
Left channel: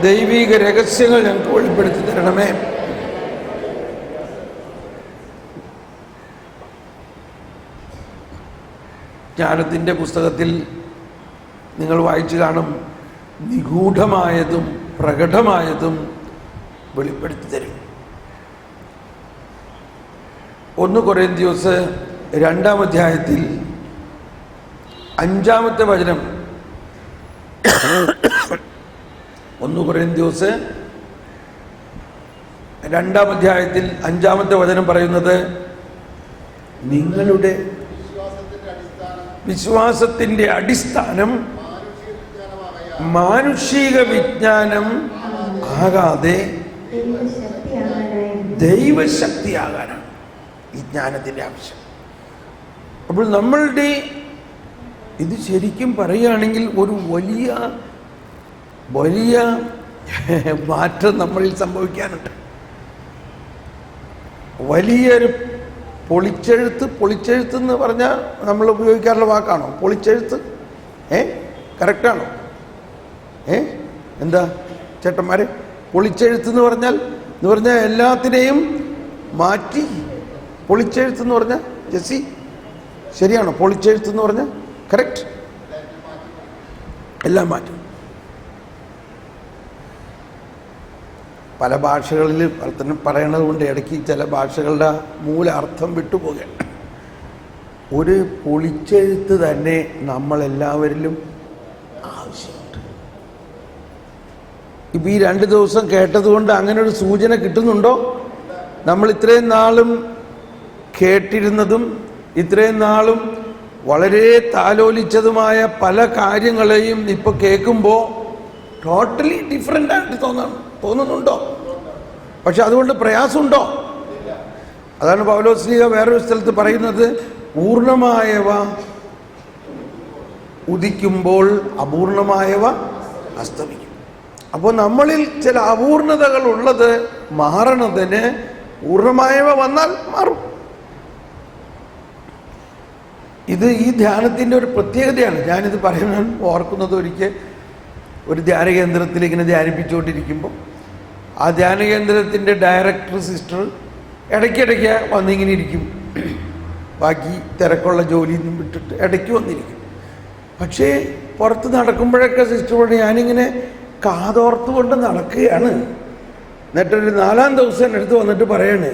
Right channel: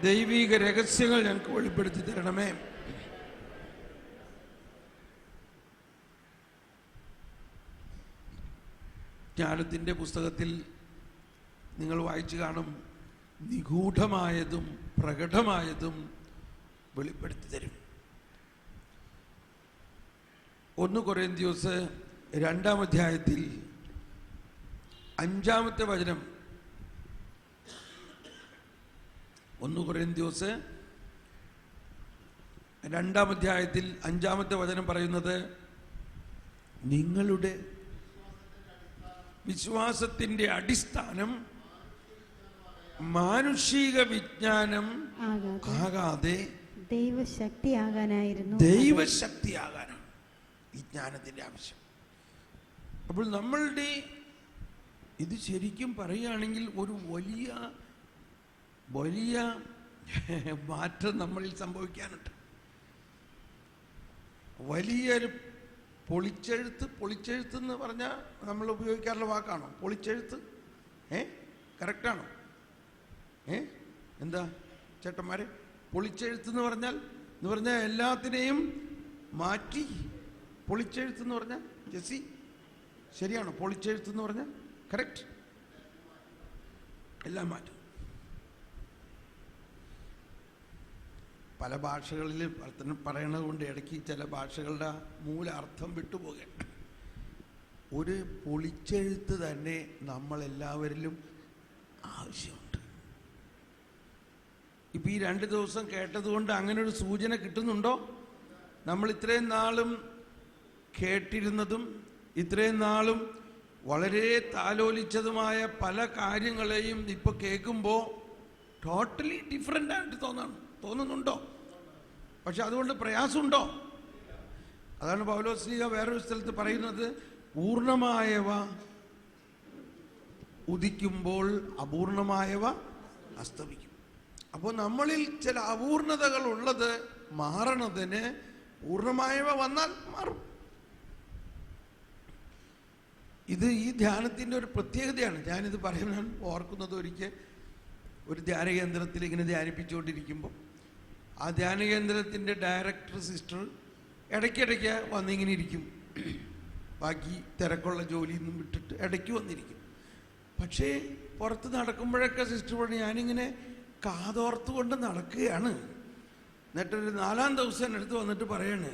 ദൈവിക രഹസ്യങ്ങൾ ഞങ്ങൾക്ക് വെളിപ്പെടുത്തി തരണമേ. ജ്ഞാനത്തിൻ്റെ പുസ്തകത്തിൽ നിങ്ങൾ വായിച്ചു കാണും, നിഗൂഢമായതും പ്രകടമായതും വെളിപ്പെടുത്തി തരും. 1 കൊരിന്ത്യസ് 2-ാം അധ്യായത്തിൽ 5-ാമത്തെ വചനം. 1 കൊരിന്ത്യസ് 2-ാം അധ്യായത്തിൽ 5-ാമത്തെ വചനം പറയുന്നത്, നിങ്ങളുടെ വിശ്വാസത്തിന്റെ അടിസ്ഥാനം മാനുഷിക വിജ്ഞാനം ആകാതെ ദൈവശക്തിയാകാനാണ് ഈ ജ്ഞാനത്തിന്റെ ആവശ്യം. അപ്പോൾ നമ്മളുടെ ഇത് ശരിക്കും പറയുകയാണെങ്കിൽ ഒരു വലിയ വലിയ മാറ്റം നമ്മളിൽ സംഭവിക്കാനുണ്ട്. വലിയൊരു പൊളിച്ചെഴുത്ത് എന്ന് പറഞ്ഞാൽ നമ്മൾ ഉപയോഗിക്കാറുള്ള വാക്കാണോ പൊളിച്ചെഴുത്ത്? കറക്റ്റാണോ? എന്താ ചേട്ടന്മാരെ, പൊളിച്ചെഴുത്ത് എന്ന് പറഞ്ഞാൽ എല്ലാത്തിനെയും മാറ്റി പൊളിച്ചെഴുത്ത് എന്ന് പറഞ്ഞാൽ ജെസ്സി ശരിയാണോ? പൊളിച്ചെഴുത്ത് എന്ന് പറഞ്ഞാൽ കറക്റ്റ്, എല്ലാം മാറ്റും. പല ഭാഷകളിൽ പറയണത് കൊണ്ട് ഇടയ്ക്ക് ചില ഭാഷകളുടെ മൂല അർത്ഥം വിട്ടുപോകുകയാണ്. ഒരു പൊളിച്ചെഴുത്ത് തന്നെ നമ്മളെല്ലാവരിലും ആവശ്യമുണ്ട്. ഇപ്പം ഈ 2 ദിവസം കേട്ടതുകൊണ്ട് അങ്ങനെ ഒരു സൂചന കിട്ടുന്നുണ്ടോ? നമ്മൾ ഇത്രയും നാളും കേട്ടിരുന്നതും ഇത്രയും നാളും വളരെ താലോലിച്ചതുമായ പല കാര്യങ്ങളെയും ഇപ്പൊ കേൾക്കുമ്പോൾ ടോട്ടലി ഡിഫറെൻ്റ് ആയിട്ട് തോന്നുന്നുണ്ടോ? പക്ഷെ അതുകൊണ്ട് പ്രയാസമുണ്ടോ? അതാണ് പൗലോസ്ലീഹ വേറൊരു സ്ഥലത്ത് പറയുന്നത്, പൂർണ്ണമായവ ഉദിക്കുമ്പോൾ അപൂർണമായവ അസ്തമിക്കും. അപ്പോൾ നമ്മളിൽ ചില അപൂർണതകൾ ഉള്ളത് മാറണതിന് പൂർണ്ണമായവ വന്നാൽ മാറും. ഇത് ഈ ധ്യാനത്തിൻ്റെ ഒരു പ്രത്യേകതയാണ്. ഞാനിത് പറയാൻ ഓർക്കുന്നത്, ഒരിക്കൽ ഒരു ധ്യാനകേന്ദ്രത്തിൽ ഇങ്ങനെ ധ്യാനിപ്പിച്ചുകൊണ്ടിരിക്കുമ്പോൾ ആ ധ്യാനകേന്ദ്രത്തിൻ്റെ ഡയറക്ടർ സിസ്റ്റർ ഇടയ്ക്കിടയ്ക്ക് വന്നിങ്ങനെ ഇരിക്കും. ബാക്കി തിരക്കുള്ള ജോലിയൊന്നും വിട്ടിട്ട് ഇടയ്ക്ക് വന്നിരിക്കും. പക്ഷേ പുറത്ത് നടക്കുമ്പോഴൊക്കെ സിസ്റ്ററോട് ഞാനിങ്ങനെ കാതോർത്ത് കൊണ്ട് നടക്കുകയാണ്. എന്നിട്ടൊരു 4-ാം ദിവസം എൻ്റെ അടുത്ത് വന്നിട്ട് പറയണേ,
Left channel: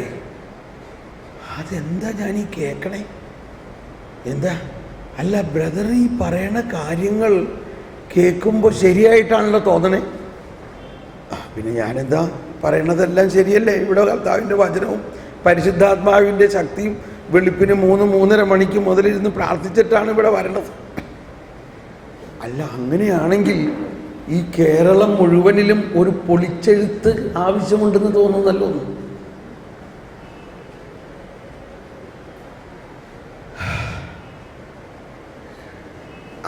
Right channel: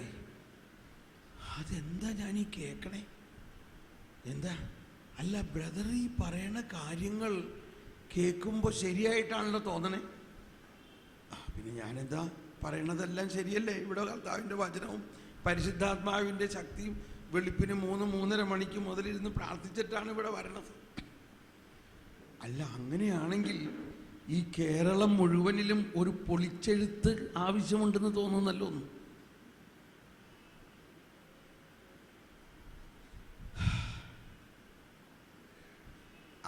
അതെന്താ ഞാൻ ഈ കേൾക്കണേ? എന്താ? അല്ല ബ്രദർ, ഈ പറയണ കാര്യങ്ങൾ കേൾക്കുമ്പോൾ ശരിയായിട്ടാണല്ലോ തോന്നണേ. പിന്നെ ഞാനെന്താ പറയണതെല്ലാം ശരിയല്ലേ? ഇവിടെ കർത്താവിൻ്റെ വചനവും പരിശുദ്ധാത്മാവിൻ്റെ ശക്തിയും വെളുപ്പിന് 3-3:30 മണിക്ക് മുതലിരുന്ന് പ്രാർത്ഥിച്ചിട്ടാണ് ഇവിടെ വരണത്. അല്ല അങ്ങനെയാണെങ്കിൽ ഈ കേരളം മുഴുവനിലും ഒരു പൊളിച്ചെഴുത്ത് ആവശ്യമുണ്ടെന്ന് തോന്നുന്നല്ലോ.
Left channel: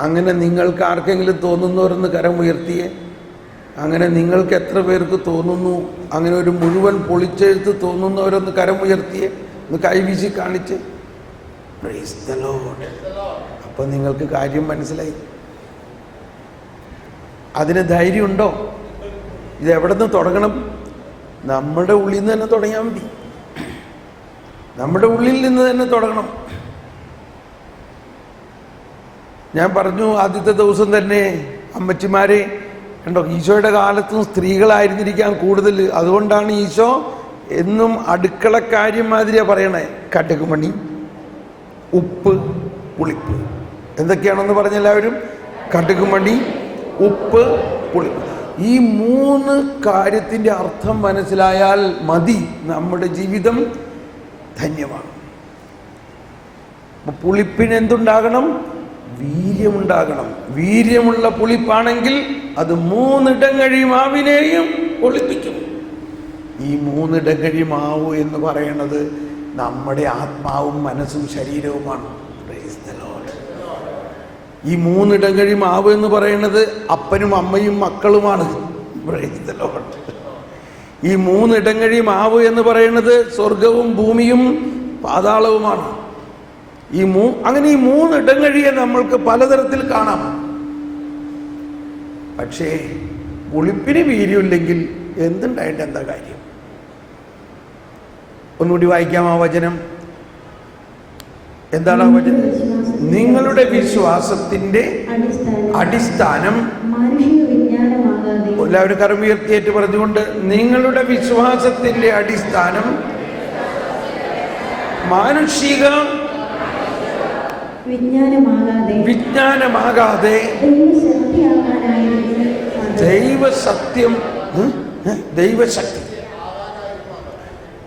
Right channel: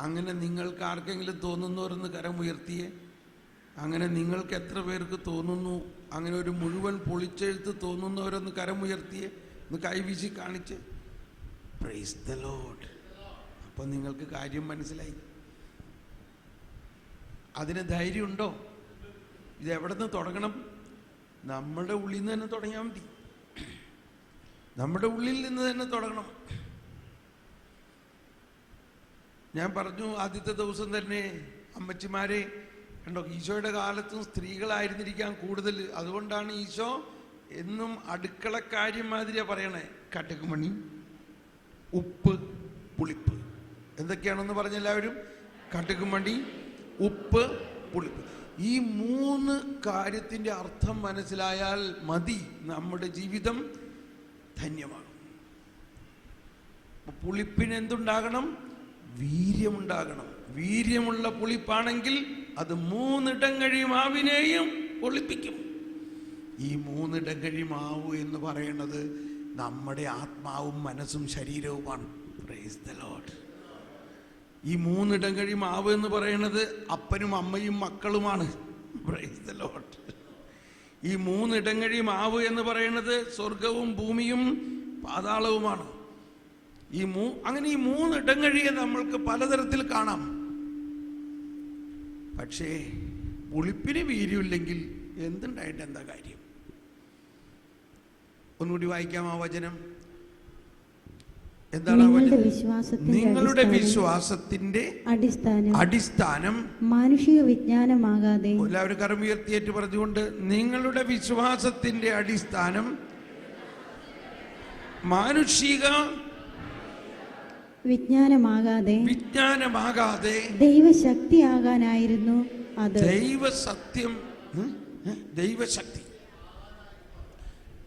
അങ്ങനെ നിങ്ങൾക്ക് ആർക്കെങ്കിലും തോന്നുന്നവരെന്ന് കരം ഉയർത്തിയേ. അങ്ങനെ നിങ്ങൾക്ക് എത്ര പേർക്ക് തോന്നുന്നു? അങ്ങനെ ഒരു മുഴുവൻ പൊളിച്ചെഴുത്ത് തോന്നുന്നവരൊന്ന് കരം ഉയർത്തിയേ, ഒന്ന് കൈവീശി കാണിച്ച്. Praise the Lord. അപ്പം നിങ്ങൾക്ക് കാര്യം മനസ്സിലായി. അതിന് ധൈര്യമുണ്ടോ? ഇത് എവിടെ നിന്ന് തുടങ്ങണം? നമ്മുടെ ഉള്ളിൽ നിന്ന് തന്നെ തുടങ്ങിയാൽ മതി. നമ്മുടെ ഉള്ളിൽ നിന്ന് തന്നെ തുടങ്ങണം. ഞാൻ പറഞ്ഞു ആദ്യത്തെ ദിവസം തന്നെ, അമ്മച്ചിമാരെ കണ്ടോ, ഈശോയുടെ കാലത്തും സ്ത്രീകളായിരുന്നിരിക്കാൻ കൂടുതൽ. അതുകൊണ്ടാണ് ഈശോ എന്നും അടുക്കളക്കാര്യം മാതിരിയാ പറയണേ. കടുക് മണി, ഉപ്പ്, പുളിപ്പ്. എന്തൊക്കെയാണെന്ന് പറഞ്ഞെല്ലാവരും? കടുക് മണി, ഉപ്പ്, പുളിപ്പ്. ഈ 3 കാര്യത്തിൻ്റെ അർത്ഥം മനസ്സിലായാൽ മതി, നമ്മുടെ ജീവിതം ധന്യമാണ്. പുളിപ്പിന് എന്തുണ്ടാകണം? വീര്യമുണ്ടാകണം. വീര്യമുള്ള പുളിപ്പാണെങ്കിൽ അത് 3 ഇടങ്ങഴി മാവിനെയും പൊളിപ്പിക്കും. ഈ 3 ഇടങ്ങഴി മാവ് എന്ന് പറയുന്നത് നമ്മുടെ ആത്മാവും മനസ്സും ശരീരവുമാണ്. Praise the Lord. ഈ 3 ഇടങ്ങഴി മാവ് എന്ന് പറയുന്നത് അപ്പനും അമ്മയും മക്കളുമാണ്. Praise the Lord. ഈ 3 ഇടങ്ങഴി മാവ് എന്ന് പറയുന്നത് സ്വർഗവും ഭൂമിയും പാതാളവുമാണ്. അങ്ങനെ ഈ 3 ഇടങ്ങഴിയെ നമ്മൾക്ക് പലതരത്തിൽ കാണാം. പക്ഷേ പുളിപ്പിന് വീര്യമില്ലെങ്കിൽ എന്തുണ്ടായിട്ട് എന്താ കാര്യം? ഒന്നുകൂടി വായിക്കാം ആ വചനം. എന്താണ് ആ വചനം? നിങ്ങളുടെ വിശ്വാസത്തിന്റെ അടിസ്ഥാനം എല്ലാവരും കരമുയർത്തിയേറ്റ് പറഞ്ഞുകൊണ്ട്, നിങ്ങളുടെ വിശ്വാസത്തിന്റെ അടിസ്ഥാനം മാനുഷിക വിജ്ഞാനമാകാതെ ദൈവശക്തി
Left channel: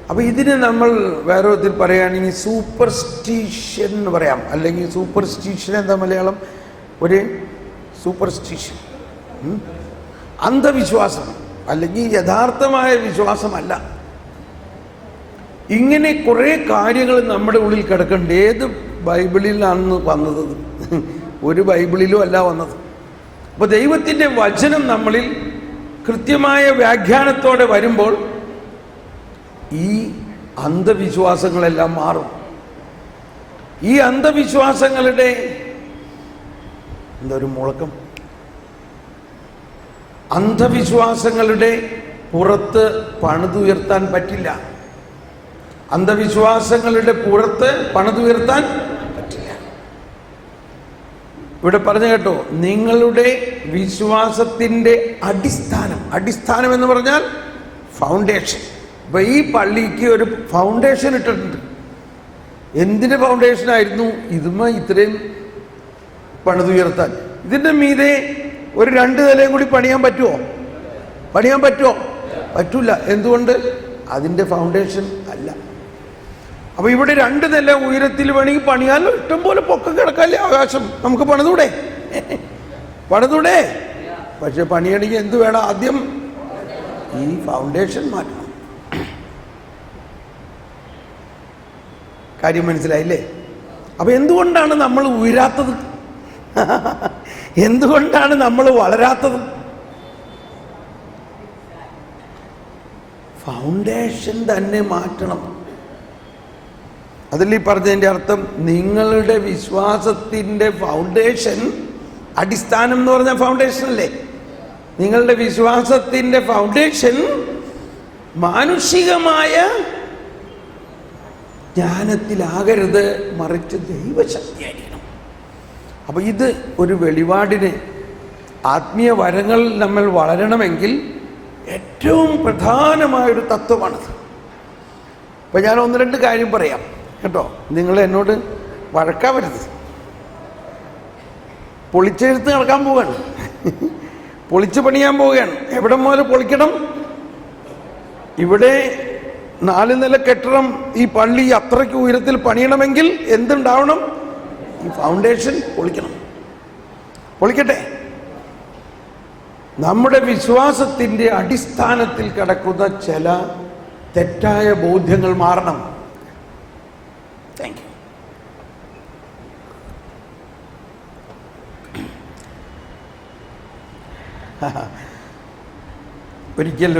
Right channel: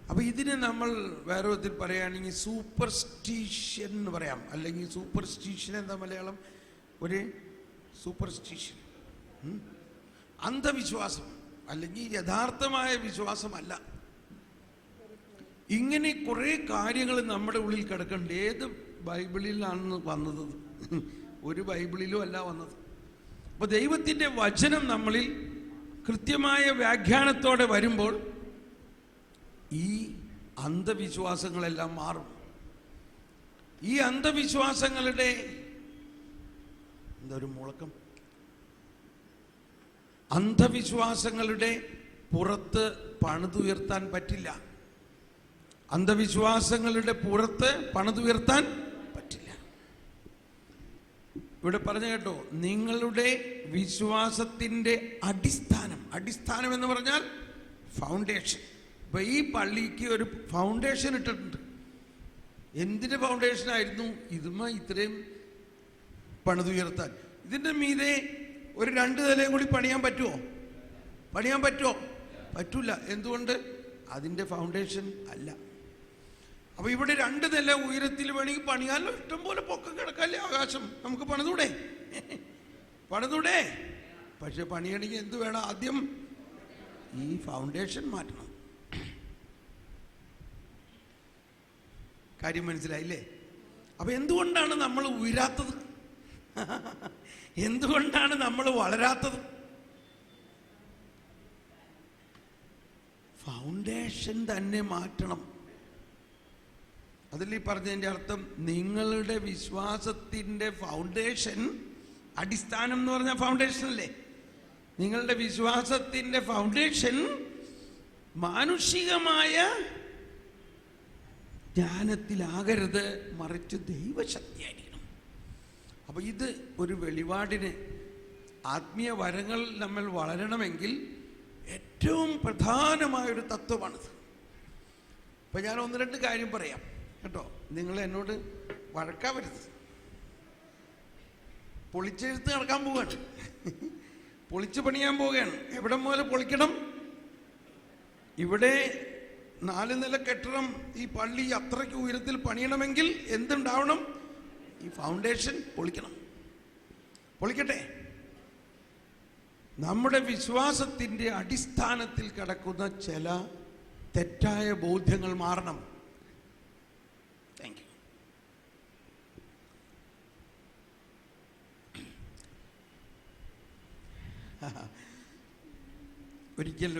അപ്പോൾ ഇതിന് നമ്മൾ വേറെ വിധത്തിൽ പറയുകയാണെങ്കിൽ സൂപ്പർസ്റ്റിഷൻ എന്ന് പറയാം. അല്ലെങ്കിൽ സൂപ്പർസ്റ്റിഷൻ എന്താ മലയാളം? ഒരു സൂപ്പർസ്റ്റിഷൻ, അന്ധവിശ്വാസം, അല്ലെങ്കിൽ യഥാർത്ഥമായ വിശ്വാസമല്ല. ഇങ്ങനെ കുറേ കാര്യങ്ങൾ നമ്മുടെ ഉള്ളിൽ കിടക്കുന്നുണ്ട്. ഏത് ബൈബിളിലാണ് വന്നത്? ഒരു ബൈബിളിലും അല്ല വന്നത്. അപ്പോൾ ദൈവത്തിൻ്റെ വചനം നമ്മളിൽ കൃത്യമായ വ്യാഖ്യാനത്തോടെ വരുമ്പോൾ ഈ അന്ധവിശ്വാസങ്ങളെല്ലാം മാറും. ഈ അന്ധവിശ്വാസങ്ങളുടെ എന്തൊരു മുഴക്കം, അന്ധവിശ്വാസങ്ങളുടെ പുറത്ത് പണിതുയർത്താൻ പറ്റില്ല. അന്ധവിശ്വാസങ്ങളുടെ പുറത്ത് പണിതുയർത്താൻ പറ്റില്ല. ഇവിടെ പറഞ്ഞു കേട്ടോ, നിങ്ങളുടെ വിശ്വാസത്തിൻ്റെ അടിസ്ഥാനം എന്ന് പറഞ്ഞാൽ ഫൗണ്ടേഷൻ. ഇപ്പൊ ഈ പള്ളിക്ക് ഒരു ഫൗണ്ടേഷൻ ഇട്ടിട്ടുണ്ട്. എന്തിന്റെ ഫൗണ്ടേഷനായിരുന്നു? ഇത്രയും പണിതുയർത്താൻ. ഇതിന്റെ മീതെ ഒരു 2 നിലയും കൂടി പണിയാൻ പറ്റുമോ? പറ്റൂല. എന്തുകൊണ്ട്? അതിന്റെ ഫൗണ്ടേഷൻ അല്ല. അപ്പൊ ഇവിടെ 2 നില ഉയരത്തിൽ വേണമെങ്കിൽ പണിയാലോ, ഇഷ്ടം പോലെ പൊക്കം കിടക്കാല്ലേ ആകാശം, നമുക്ക് പണിതൂടെ? പക്ഷെ പണിയണമെങ്കിൽ എന്ത് വേണം? ആദ്യം ഈ ഫൗണ്ടേഷൻ മാറ്റണം. കാര്യം മനസ്സിലായില്ലേ? അപ്പൊ എന്തുകൊണ്ടാണ് നമ്മൾ ഉയരാത്തത്? എന്തുകൊണ്ടാണ് നമ്മൾ വളരാത്തത്? ഫൗണ്ടേഷൻ തന്നെ മാറ്റണം. അതിൽ ഈ പറഞ്ഞതിൻ്റെ അർത്ഥം, നിങ്ങളുടെ വിശ്വാസത്തിൻ്റെ ഫൗണ്ടേഷൻ, അടിസ്ഥാനം എന്ന് പറഞ്ഞ ഫൗണ്ടേഷൻ അല്ലേ? നിങ്ങളുടെ വിശ്വാസത്തിൻ്റെ ഫൗണ്ടേഷൻ മാനുഷികമായ ജ്ഞാനത്തിലാകരുത്, മറിച്ച് ദൈവശക്തിയായിരിക്കണം. അപ്പോൾ ഇത് ഒരു വെളിപാടിന്, ആത്മീയ വരങ്ങൾ നമ്മൾ വളരണമെങ്കിൽ ഏറ്റവും പ്രധാനമായൊരു തത്വമാണത്. അപ്പം ഞാൻ 1-2 കാര്യം പറയാം കേട്ടോ. നിങ്ങൾ എന്നോട് വഴക്കാവരുത്. പൊളിച്ചെഴുത്ത് നടക്കാൻ പോവുകയാണ്, പൊളിച്ച് പണിയാൻ പോവുകയാണ്. എവിടെ മുതൽ പൊളിക്കണം? ഇവിടെ 4 നില കെട്ടിടം, ഈ പള്ളി അത്രയ്ക്ക് ഉയരത്തിൽ പണിയണമെങ്കിൽ എന്തുണ്ടാവണം? ഈ ഫൗണ്ടേഷൻ പൊളിക്കട്ടെ. നമ്മുടെ വിശ്വാസത്തിൻ്റെ അടിസ്ഥാനത്തിൽ കിടക്കുന്ന ചില തെറ്റായ ബോധ്യങ്ങൾ മാറണം. Thank you. ഒരിക്കൽ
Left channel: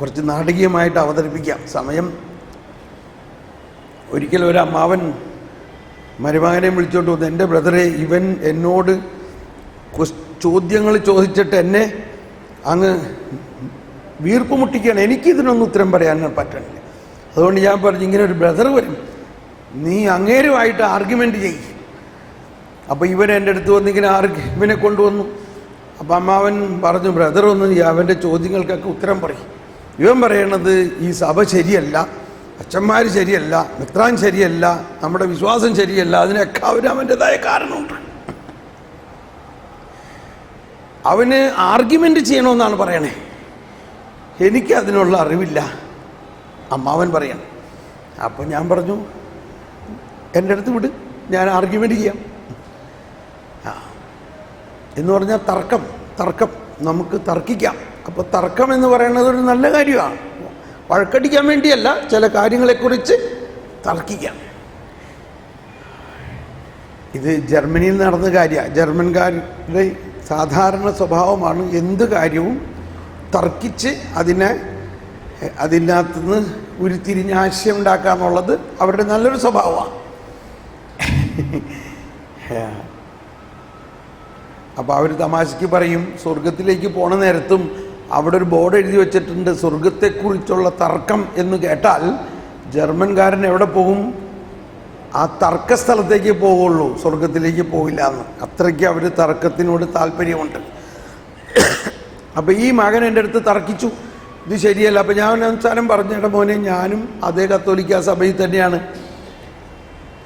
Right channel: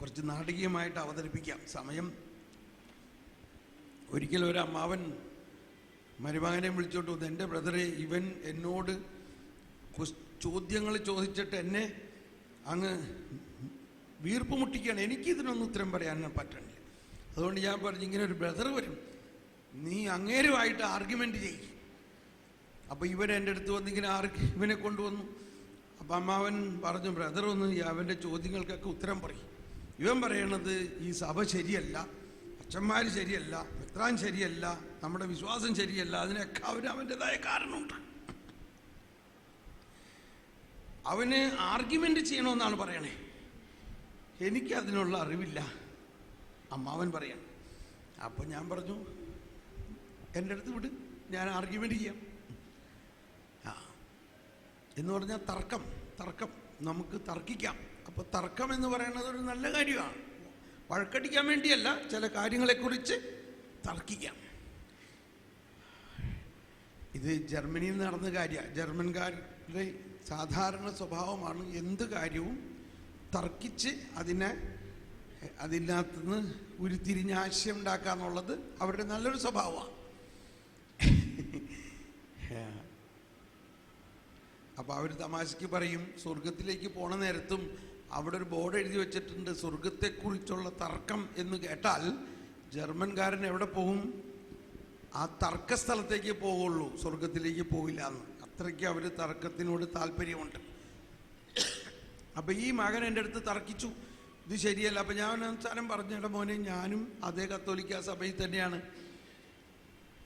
കുറച്ച് നാടകീയമായിട്ട് അവതരിപ്പിക്കാം സമയം. ഒരിക്കൽ ഒരു അമ്മാവൻ മരുമകനെ വിളിച്ചോണ്ട് വന്നു. എൻ്റെ ബ്രദറെ, ഇവൻ എന്നോട് ചോദ്യങ്ങൾ ചോദിച്ചിട്ട് എന്നെ അങ്ങ് വീർപ്പ് മുട്ടിക്കുകയാണ്. എനിക്കിതിനൊന്നും ഉത്തരം പറയാൻ പറ്റണില്ല. അതുകൊണ്ട് ഞാൻ പറഞ്ഞു, ഇങ്ങനെ ഒരു ബ്രദർ വരും, നീ അങ്ങേരുമായിട്ട് ആർഗ്യുമെൻ്റ് ചെയ്യും. അപ്പോൾ ഇവൻ എൻ്റെ അടുത്ത് വന്ന് ഇവനെ കൊണ്ടുവന്നു. അപ്പം അമ്മാവൻ പറഞ്ഞു, ബ്രദർ ഒന്ന് അവൻ്റെ ചോദ്യങ്ങൾക്കൊക്കെ ഉത്തരം പറയും. ഇവൻ പറയണത് ഈ സഭ ശരിയല്ല, അച്ഛന്മാർ ശരിയല്ല, മിത്രാൻ ശരിയല്ല, നമ്മുടെ വിശ്വാസം ശരിയല്ല, അതിനൊക്കെ അവൻ്റെതായ കാരണമുണ്ട്. അവന് ആർഗ്യുമെൻ്റ് ചെയ്യണമെന്നാണ് പറയണേ. എനിക്കതിനുള്ള അറിവില്ല, അമ്മാവൻ പറയണം. അപ്പം ഞാൻ പറഞ്ഞു, എൻ്റെ അടുത്ത് വിട്, ഞാൻ ആർഗ്യുമെൻ്റ് ചെയ്യാം. എന്ന് പറഞ്ഞാൽ തർക്കം നമുക്ക് തർക്കിക്കാം. അപ്പോൾ തർക്കം എന്ന് പറയുന്നത് ഒരു നല്ല കാര്യമാണ്. വഴക്കടിക്കാൻ വേണ്ടിയല്ല, ചില കാര്യങ്ങളെക്കുറിച്ച് തർക്കിക്കാം. ഇത് ജർമ്മനിയിൽ നടന്ന കാര്യമാണ്. ജർമ്മൻകാരുടെ സാധാരണ സ്വഭാവമാണ് എന്ത് കാര്യവും തർക്കിച്ച് അതിനകത്തുനിന്ന് ഉരുത്തിരിഞ്ഞ് ആശയം ഉണ്ടാക്കുക എന്നുള്ളത് അവരുടെ നല്ലൊരു സ്വഭാവമാണ്. അപ്പോൾ അവർ തമാശയ്ക്ക് പറയും, സ്വർഗത്തിലേക്ക് പോണ നേരത്തും അവിടെ ഒരു ബോർഡ് എഴുതി വെച്ചിട്ടുണ്ട്, സ്വർഗത്തെക്കുറിച്ചുള്ള തർക്കം എന്ന് കേട്ടാൽ ജർമ്മൻകാരൻ എവിടെ പോകും? ആ തർക്ക സ്ഥലത്തേക്ക് പോവുള്ളൂ, സ്വർഗത്തിലേക്ക് പോവില്ല എന്ന്. അത്രയ്ക്ക് അവർ തർക്കത്തിനോട് താല്പര്യമുണ്ട്. അപ്പം ഈ മകൻ എൻ്റെ അടുത്ത് തർക്കിച്ചു, ഇത് ശരിയല്ല. അപ്പം ഞാൻ അവസാനം പറഞ്ഞേട്ടാ മോനെ, ഞാനും അതേ കത്തോലിക്ക സഭയിൽ തന്നെയാണ്.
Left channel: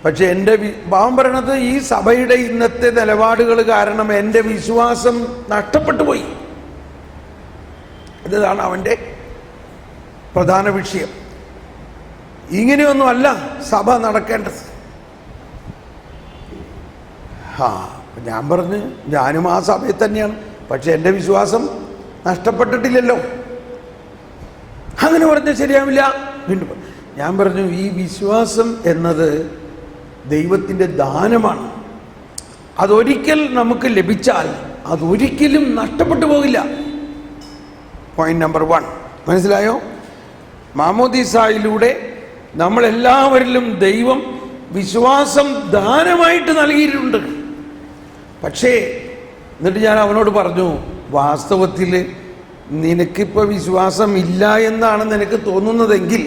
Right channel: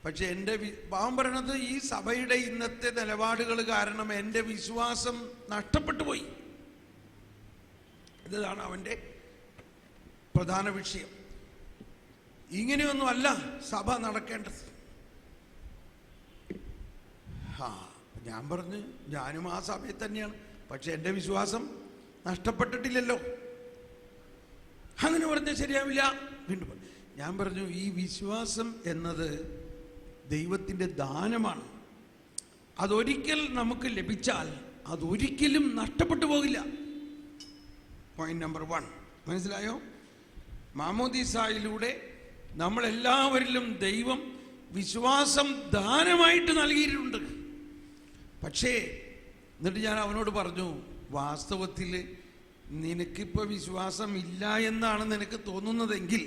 പക്ഷെ എൻ്റെ ഭാവം പറയണത്, ഈ സഭയുടെ ഇന്നത്തെ നിലപാടുകൾ കാരണം എൻ്റെ വിശ്വാസം നഷ്ടപ്പെട്ടു പോയി. ഇതാണ് അവൻ്റെ പ്രധാന വിഷയം. ഇങ്ങനെയൊന്നും അല്ല സഭ നടക്കേണ്ടത്. ഞാൻ പറഞ്ഞു, ഞാനും ആ സഭയിൽ തന്നെയാണ്, പക്ഷെ എൻ്റെ വിശ്വാസം നഷ്ടപ്പെട്ടിട്ടില്ലല്ലോ. അങ്ങനെ പറഞ്ഞാൽ ശരിയാവില്ല. വീണ്ടും ഞാൻ പറഞ്ഞു, ഈ വിശ്വാസം എന്നത് ദൈവത്തിൻ്റെ ദാനമാണ്. അതൊരിക്കൽ നമുക്ക് ലഭിച്ചാൽ അതൊരിക്കലും നഷ്ടപ്പെട്ടു പോകില്ല. പോയിന്റ് നമ്പർ 1 മനസ്സിലായോ? മാമോദീസായിലൂടെ നമ്മളെല്ലാവരിലും ദൈവം വിശ്വാസം ദാനമായിട്ട് നൽകിയിട്ടുണ്ട്. പക്ഷേ എന്നിട്ട് ഞാൻ അവനോട് പറഞ്ഞു, വാസ്തവത്തിൽ നിനക്കിപ്പോൾ വിശ്വാസം ഇല്ല എന്നാണ് നിനക്ക് തോന്നുന്നതെങ്കിൽ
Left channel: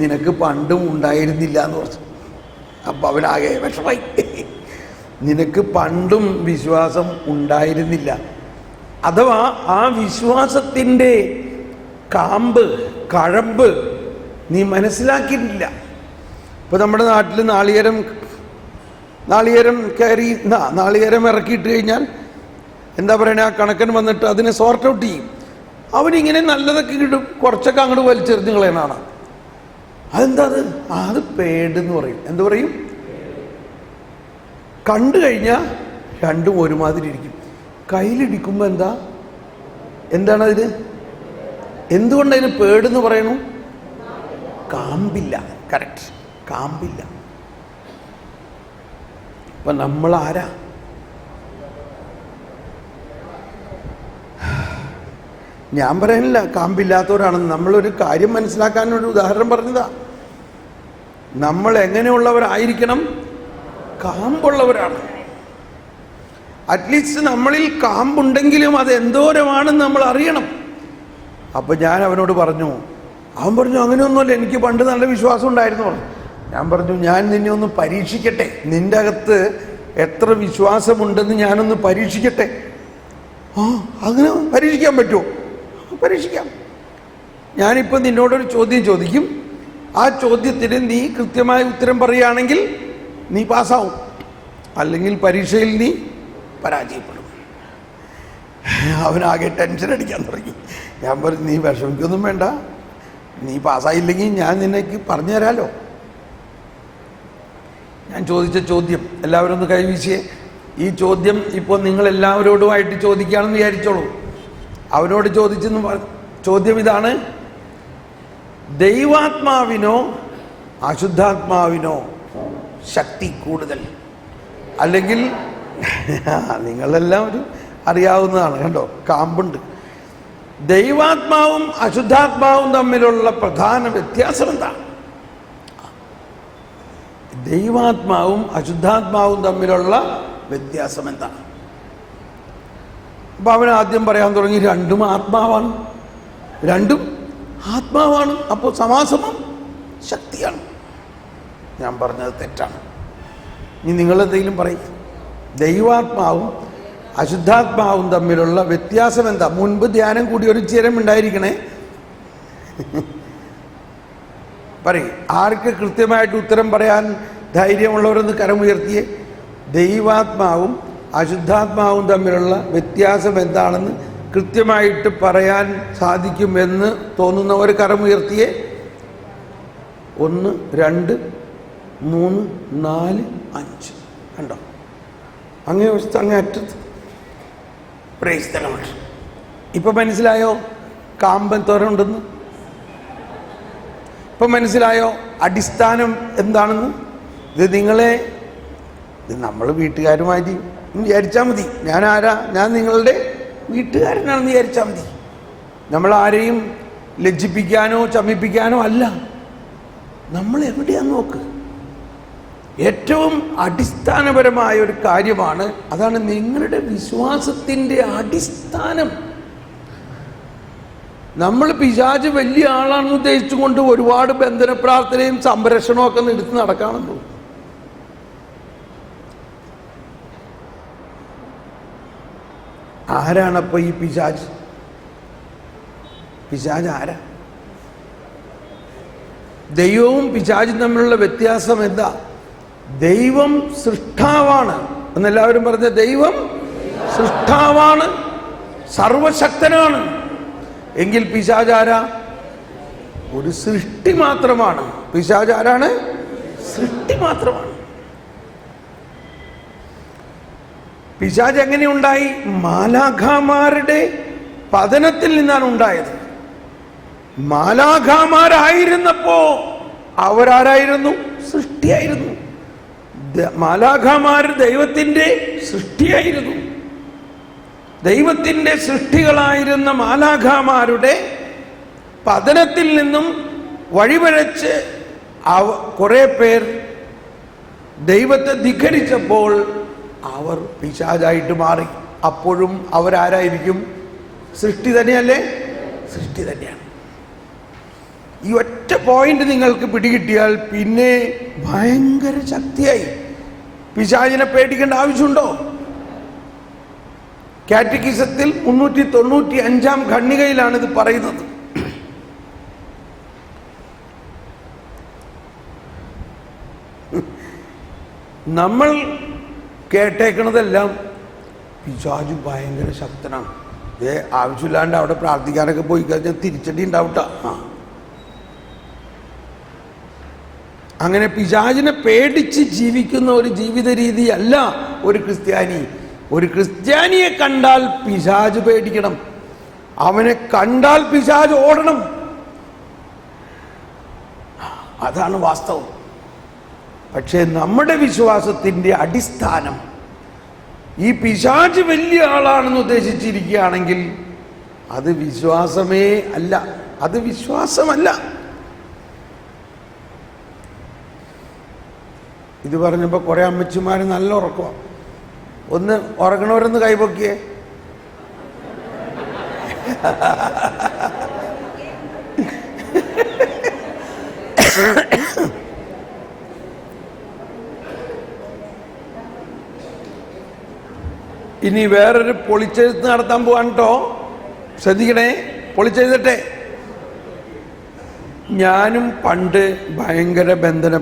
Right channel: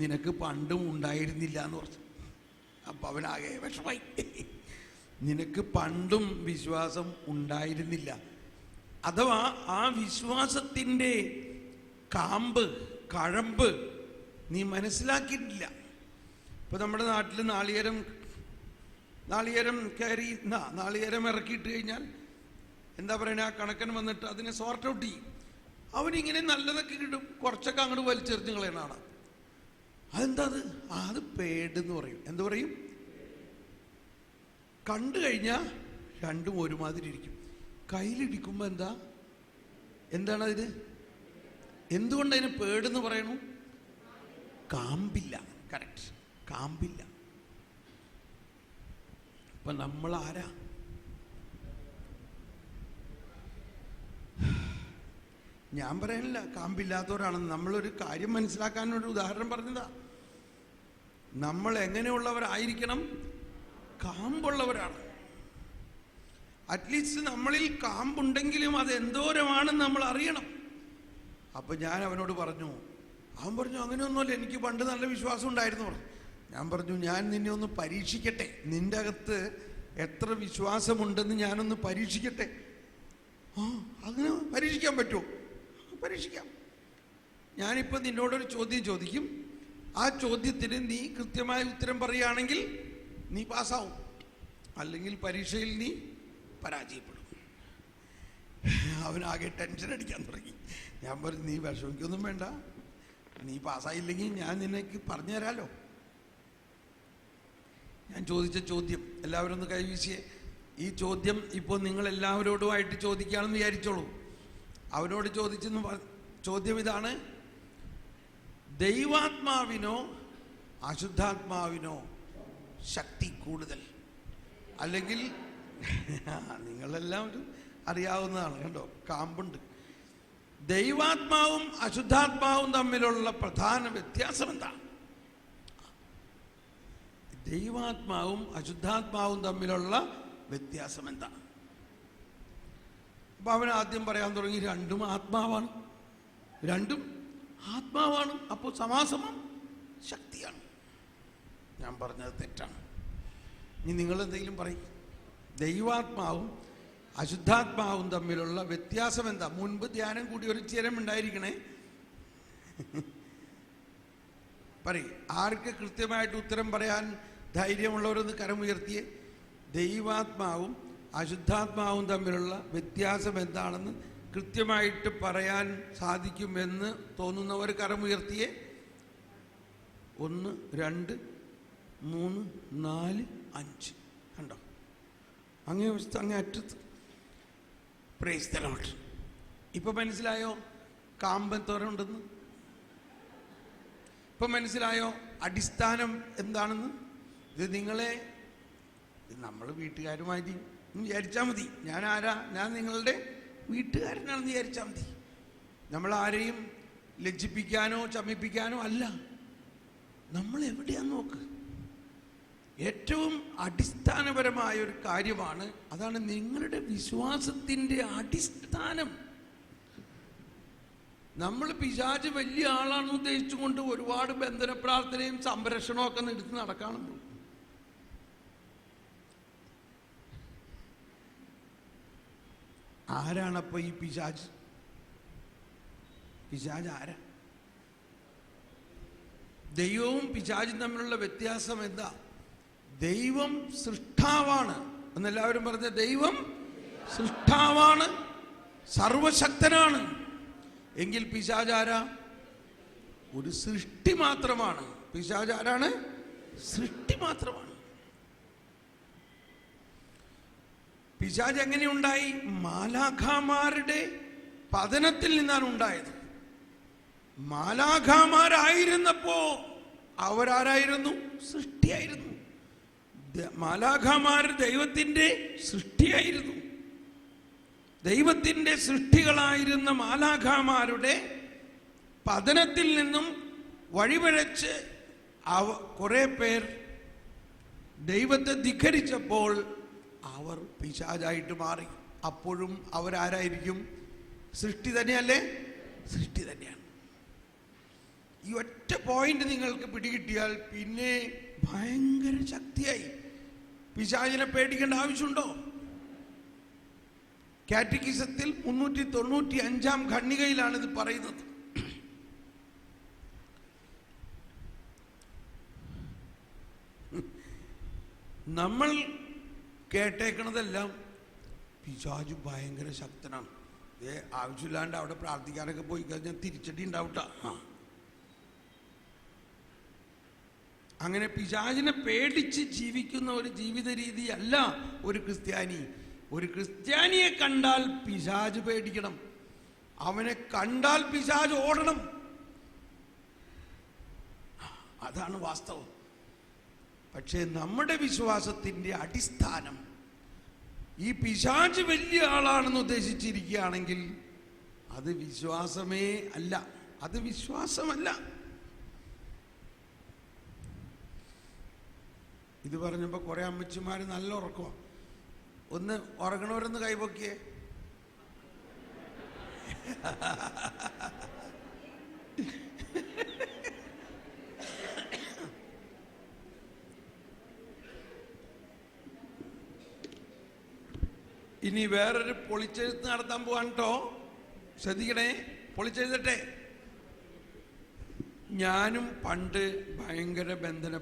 നിനക്ക് പണ്ടും ഉണ്ടായിരുന്നില്ല എന്ന് പറഞ്ഞു. അപ്പം അവനാകെ വിഷമായി. നിനക്ക് പണ്ടും വിശ്വാസം ഉണ്ടായിരുന്നില്ല, അഥവാ ആ വിശ്വാസത്തിൻ്റെ കാമ്പ്, കഴമ്പ് നീ മനസ്സിലാക്കിയിട്ടില്ല. ഇപ്പം നമ്മുടെ നാട്ടിൽ നാളികേരം കയറി നാളികേരം ഇറക്കിയിട്ട് കഴിഞ്ഞാൽ എന്താ പറയണേ, ആ കണക്കൻ വന്നിട്ട് അതിനെ സോർട്ട് ഔട്ട് ചെയ്യും. അവനിങ്ങനെ നല്ലതൊക്കെ കിട്ടും, കുറച്ചൊക്കെ അങ്ങോട്ട് വലിച്ചെറിഞ്ഞ് കളയണാണ്. അതെന്താ അത് പേടെന്ന് പറയും. എന്ത് പറയും? കണ്ടു കഴിഞ്ഞാൽ രണ്ടും ഒരുമാതിരി ഇരിക്കും. കയ്യിലിടിക്കുമ്പോൾ എന്താണ് അതിന്? എന്തുകൊണ്ട് അതിന് പേടെന്ന് പറയണു? കാമ്പില്ല. കറക്റ്റ്, കാമ്പില്ല. അപ്പൊ നമ്മൾ ആരാ? ഞാൻ പറയാനില്ല കാമ്പില്ലാത്തവരാണെന്ന്. നമ്മളൊരു കാര്യം മനസ്സിലാക്കാനൊരു ഉദാഹരണം പറഞ്ഞതാ. നമ്മൾ എങ്ങനെയുള്ളവരായിരിക്കണം? കാമ്പുള്ളവരാണ്. അറ്റ്ലീസ്റ്റ് നമ്മളിൽ കാമ്പുണ്ടെങ്കിലും അത് എന്തോരമാണെന്ന് നമ്മൾ അറിയണം. അപ്പൊ ഞാൻ അവനോട് പറഞ്ഞു, അവൻ പറഞ്ഞു അങ്ങനെയൊന്നുമല്ല, എനിക്ക് പണ്ട് നല്ല വിശ്വാസം ഉണ്ടായിരുന്നു പറഞ്ഞു. ഞാൻ പറഞ്ഞു, ഞാൻ നിന്നെ ഒന്ന് പരീക്ഷിക്കട്ടെ, നിന്റെ അകത്ത് എത്ര വിശ്വാസമുണ്ടെന്ന് ഞാനൊന്ന് പരീക്ഷിക്കട്ടെ. അങ്ങനെ പരീക്ഷിക്കാൻ പറ്റുമോ? പരീക്ഷിക്കാം. ഞാനിപ്പോൾ നിന്നോടൊരു ചോദ്യം ചോദിക്കും. ആ ചോദ്യത്തിന് നീ കൃത്യമായ ഉത്തരം പറയുകയാണെങ്കിൽ നീ പാസ്സാവും, അല്ലെങ്കിൽ പരീക്ഷയിൽ നീ പരാജയപ്പെടും. അവനാകെ ടെൻഷൻ അടിക്കാൻ തുടങ്ങി. ഞാൻ പറഞ്ഞു, നീ വിഷമിക്കൊന്നും വേണ്ട, നീ പാസ്സായില്ലെങ്കിൽ ഞാൻ നിനക്ക് പറഞ്ഞു തരാമല്ലോ. ഞാൻ ചോദിച്ച ചോദ്യം എല്ലാവരും ഒന്ന് കൈവീശിയേ. ഈ ചോദ്യം ഇപ്പോൾ നിങ്ങളെല്ലാവരോടുമായിട്ട് ചോദിക്കുകയാണെന്ന് വിചാരിച്ചോളൂ. അവനോട് ചോദ്യം ഇതാണ്: ദൈവാത്മാവിനോ അശുദ്ധാത്മാവിനോ ശക്തി കൂടുതൽ? അല്ലെങ്കിൽ നിങ്ങളെല്ലാവരും അറിയാവുന്നതാണ്, കണ്ടോ, കാമ്പുണ്ട്. ദൈവാത്മാവും അശുദ്ധാത്മാവും തമ്മിലുള്ള പ്രധാന വ്യത്യാസം എന്താണ്? ദൈവാത്മാവും അശുദ്ധാത്മാവും തമ്മിലുള്ള വ്യത്യാസം എന്താണ്? അപ്പൊ അവൻ ആദ്യം പറയാൻ തുടങ്ങി, രണ്ടും ആത്മാവാണ്, രണ്ടും ആത്മാവാണ്. അപ്പോൾ സമാസമം ശക്തിയാണ്. ഞാൻ പറഞ്ഞത് തെറ്റാണ്. ഇനി നിങ്ങളെന്തെങ്കിലും പറയും. ദൈവാത്മാവും അശുദ്ധാത്മാവും തമ്മിലുള്ള വ്യത്യാസം എന്താ? മുൻപ് ധ്യാനം കൂടി ഒരു ചിരം ഉണ്ടായിരിക്കണേ. പറയും. ആർക്ക് കൃത്യമായിട്ട് ഉത്തരം പറയാൻ ധൈര്യമുള്ളവരൊന്ന് കരമുയർത്തിയേ. ദൈവാത്മാവും അശുദ്ധാത്മാവും തമ്മിലുള്ള വ്യത്യാസം എന്താണെന്ന് കൃത്യമായിട്ട് പറയാൻ സാധിക്കുമെന്ന് തോന്നുന്നവർ കരമുയർത്തിയേ. 1 2 3 4 5 കണ്ടോ? അങ്ങേ വശത്ത് അങ്ങേ അറ്റത്ത്. Praise the Lord. ഇപ്പൊ മനസ്സിലായോ കാമ്പൻ തോരുണ്ടെന്ന്? ഇപ്പൊ മനസ്സിലായോ അടിസ്ഥാനം എന്താണെന്ന്? ഇത് നമ്മൾ വീട്ടുകാരുമായി വിചാരിച്ചാൽ മതി. ഞാൻ ആരാ? ഞാൻ നിങ്ങളുടെ വീട്ടുകാരനാണെന്ന് വിചാരിച്ചാൽ മതി. നമ്മൾ ആരെയും ലജ്ജിപ്പിക്കാനോ ചമ്മിപ്പിക്കാനോ അല്ല. നമ്മൾ എവിടെയാന്ന് നോക്ക്. ഏറ്റവും അടിസ്ഥാനപരമായ ഒരു കാര്യമാണ്. അതാണ് നിങ്ങളുടെ വിശ്വാസത്തിൻ്റെ അടിസ്ഥാനം. നമ്മൾ പിശാച് വലിയ ആളാണെന്ന് ഉദ്ദേശിച്ചുകൊണ്ട് ഒരുപാട് ബന്ധന പ്രാർത്ഥനയും സംരക്ഷണവും ഒക്കെ എടുത്ത് നടക്കാണെന്നു. ആരാണപ്പോ ഈ പിശാച്? പിശാച് ആരാ? ദൈവവും പിശാചും തമ്മിലുള്ള വ്യത്യാസം എന്താ? ദൈവം സൃഷ്ടാവാണ് എന്നെല്ലാവരും പറഞ്ഞ ദൈവം സൃഷ്ടാവാണ്, സർവശക്തനാണ്. എങ്കിൽ പിശാച് ആരാ? ഒരു സൃഷ്ടി മാത്രമാണ്. പിശാച് ആരാണ്? സൃഷ്ടി മാത്രമാണ്. പിശാച് എങ്ങനെ ഉണ്ടായി? മാലാഖമാരുടെ പതനത്തിൽ നിന്നാണ് ഉണ്ടായത്. മാലാഖമാരായിരുന്നപ്പോ അവരാരായിരുന്നു? സൃഷ്ടിയായിരുന്നു. മാലാഖമാർ ദൈവത്തിന്റെ സൃഷ്ടിയായിരുന്നു. ദൈവത്തിന്റെ സൃഷ്ടികളായിരുന്ന മാലാഖമാരുടെ പതനത്തിൽ നിന്നും വഴിപിഴച്ച് കുറെ പേർ ദൈവത്തെ ധിക്കരിച്ചപ്പോൾ അവർ പിശാചായിട്ട് മാറി. അപ്പോഴും അവരാരായിരിക്കും? സൃഷ്ടി തന്നെയല്ലേ? സൃഷ്ടി തന്നെയാണ്. ഈ ഒറ്റ പോയിന്റ് നിങ്ങൾക്ക് പിടികിട്ടിയാൽ പിന്നെ ഭയങ്കര ശക്തിയായി. പിശാചിനെ പേടിക്കേണ്ട ആവശ്യമുണ്ടോ? കാറ്റക്കിസത്തിൽ 395 ഖണ്ഡികയിലാണ് ഇത് പറയുന്നത്. നമ്മൾ കേട്ടേക്കണതെല്ലാം പിശാച് ഭയങ്കര ശക്തനാണ്, ആവശ്യമില്ലാണ്ട് അവിടെ പ്രാർത്ഥിക്കാനൊക്കെ പോയി കഴിഞ്ഞാൽ തിരിച്ചടി ഉണ്ടാവട്ട. അങ്ങനെ പിശാചിനെ പേടിച്ച് ജീവിക്കുന്ന ഒരു ജീവിത രീതി അല്ല ഒരു ക്രിസ്ത്യാനി. ഒരു ക്രിസ്ത്യാനിയെ കണ്ടാൽ പിശാച് പേടിക്കണം, അവനെ കണ്ടാൽ പിശാച് ഓടണം. അതാണ് വാസ്തവം. പക്ഷേ നമ്മുടെ വിശ്വാസത്തിന്റെ അടിസ്ഥാനം ഈ പിശാച് വലിയ ആളാണെന്ന് ഉദ്ദേശിച്ചിരിക്കുകയാണെങ്കിൽ അത് വിശ്വാസമേ അല്ല, അത് വിശ്വാസമല്ല. ഇത് പറഞ്ഞപ്പോൾ കുറെ അമ്മച്ചിമാർ നല്ല ഉറക്കമാണ്. ഒന്ന് ഉറങ്ങണവരൊന്ന് കൈപൊക്കിയേ. ഇനി വേറൊരു പൊളിച്ചെഴുത്ത് നടത്താൻ പോവാൻ കേട്ടോ, ശ്രദ്ധിക്കണേ. പൊളിച്ചെഴുതട്ടെ. ഞാനും പണ്ട് ഭയങ്കര ബന്ധന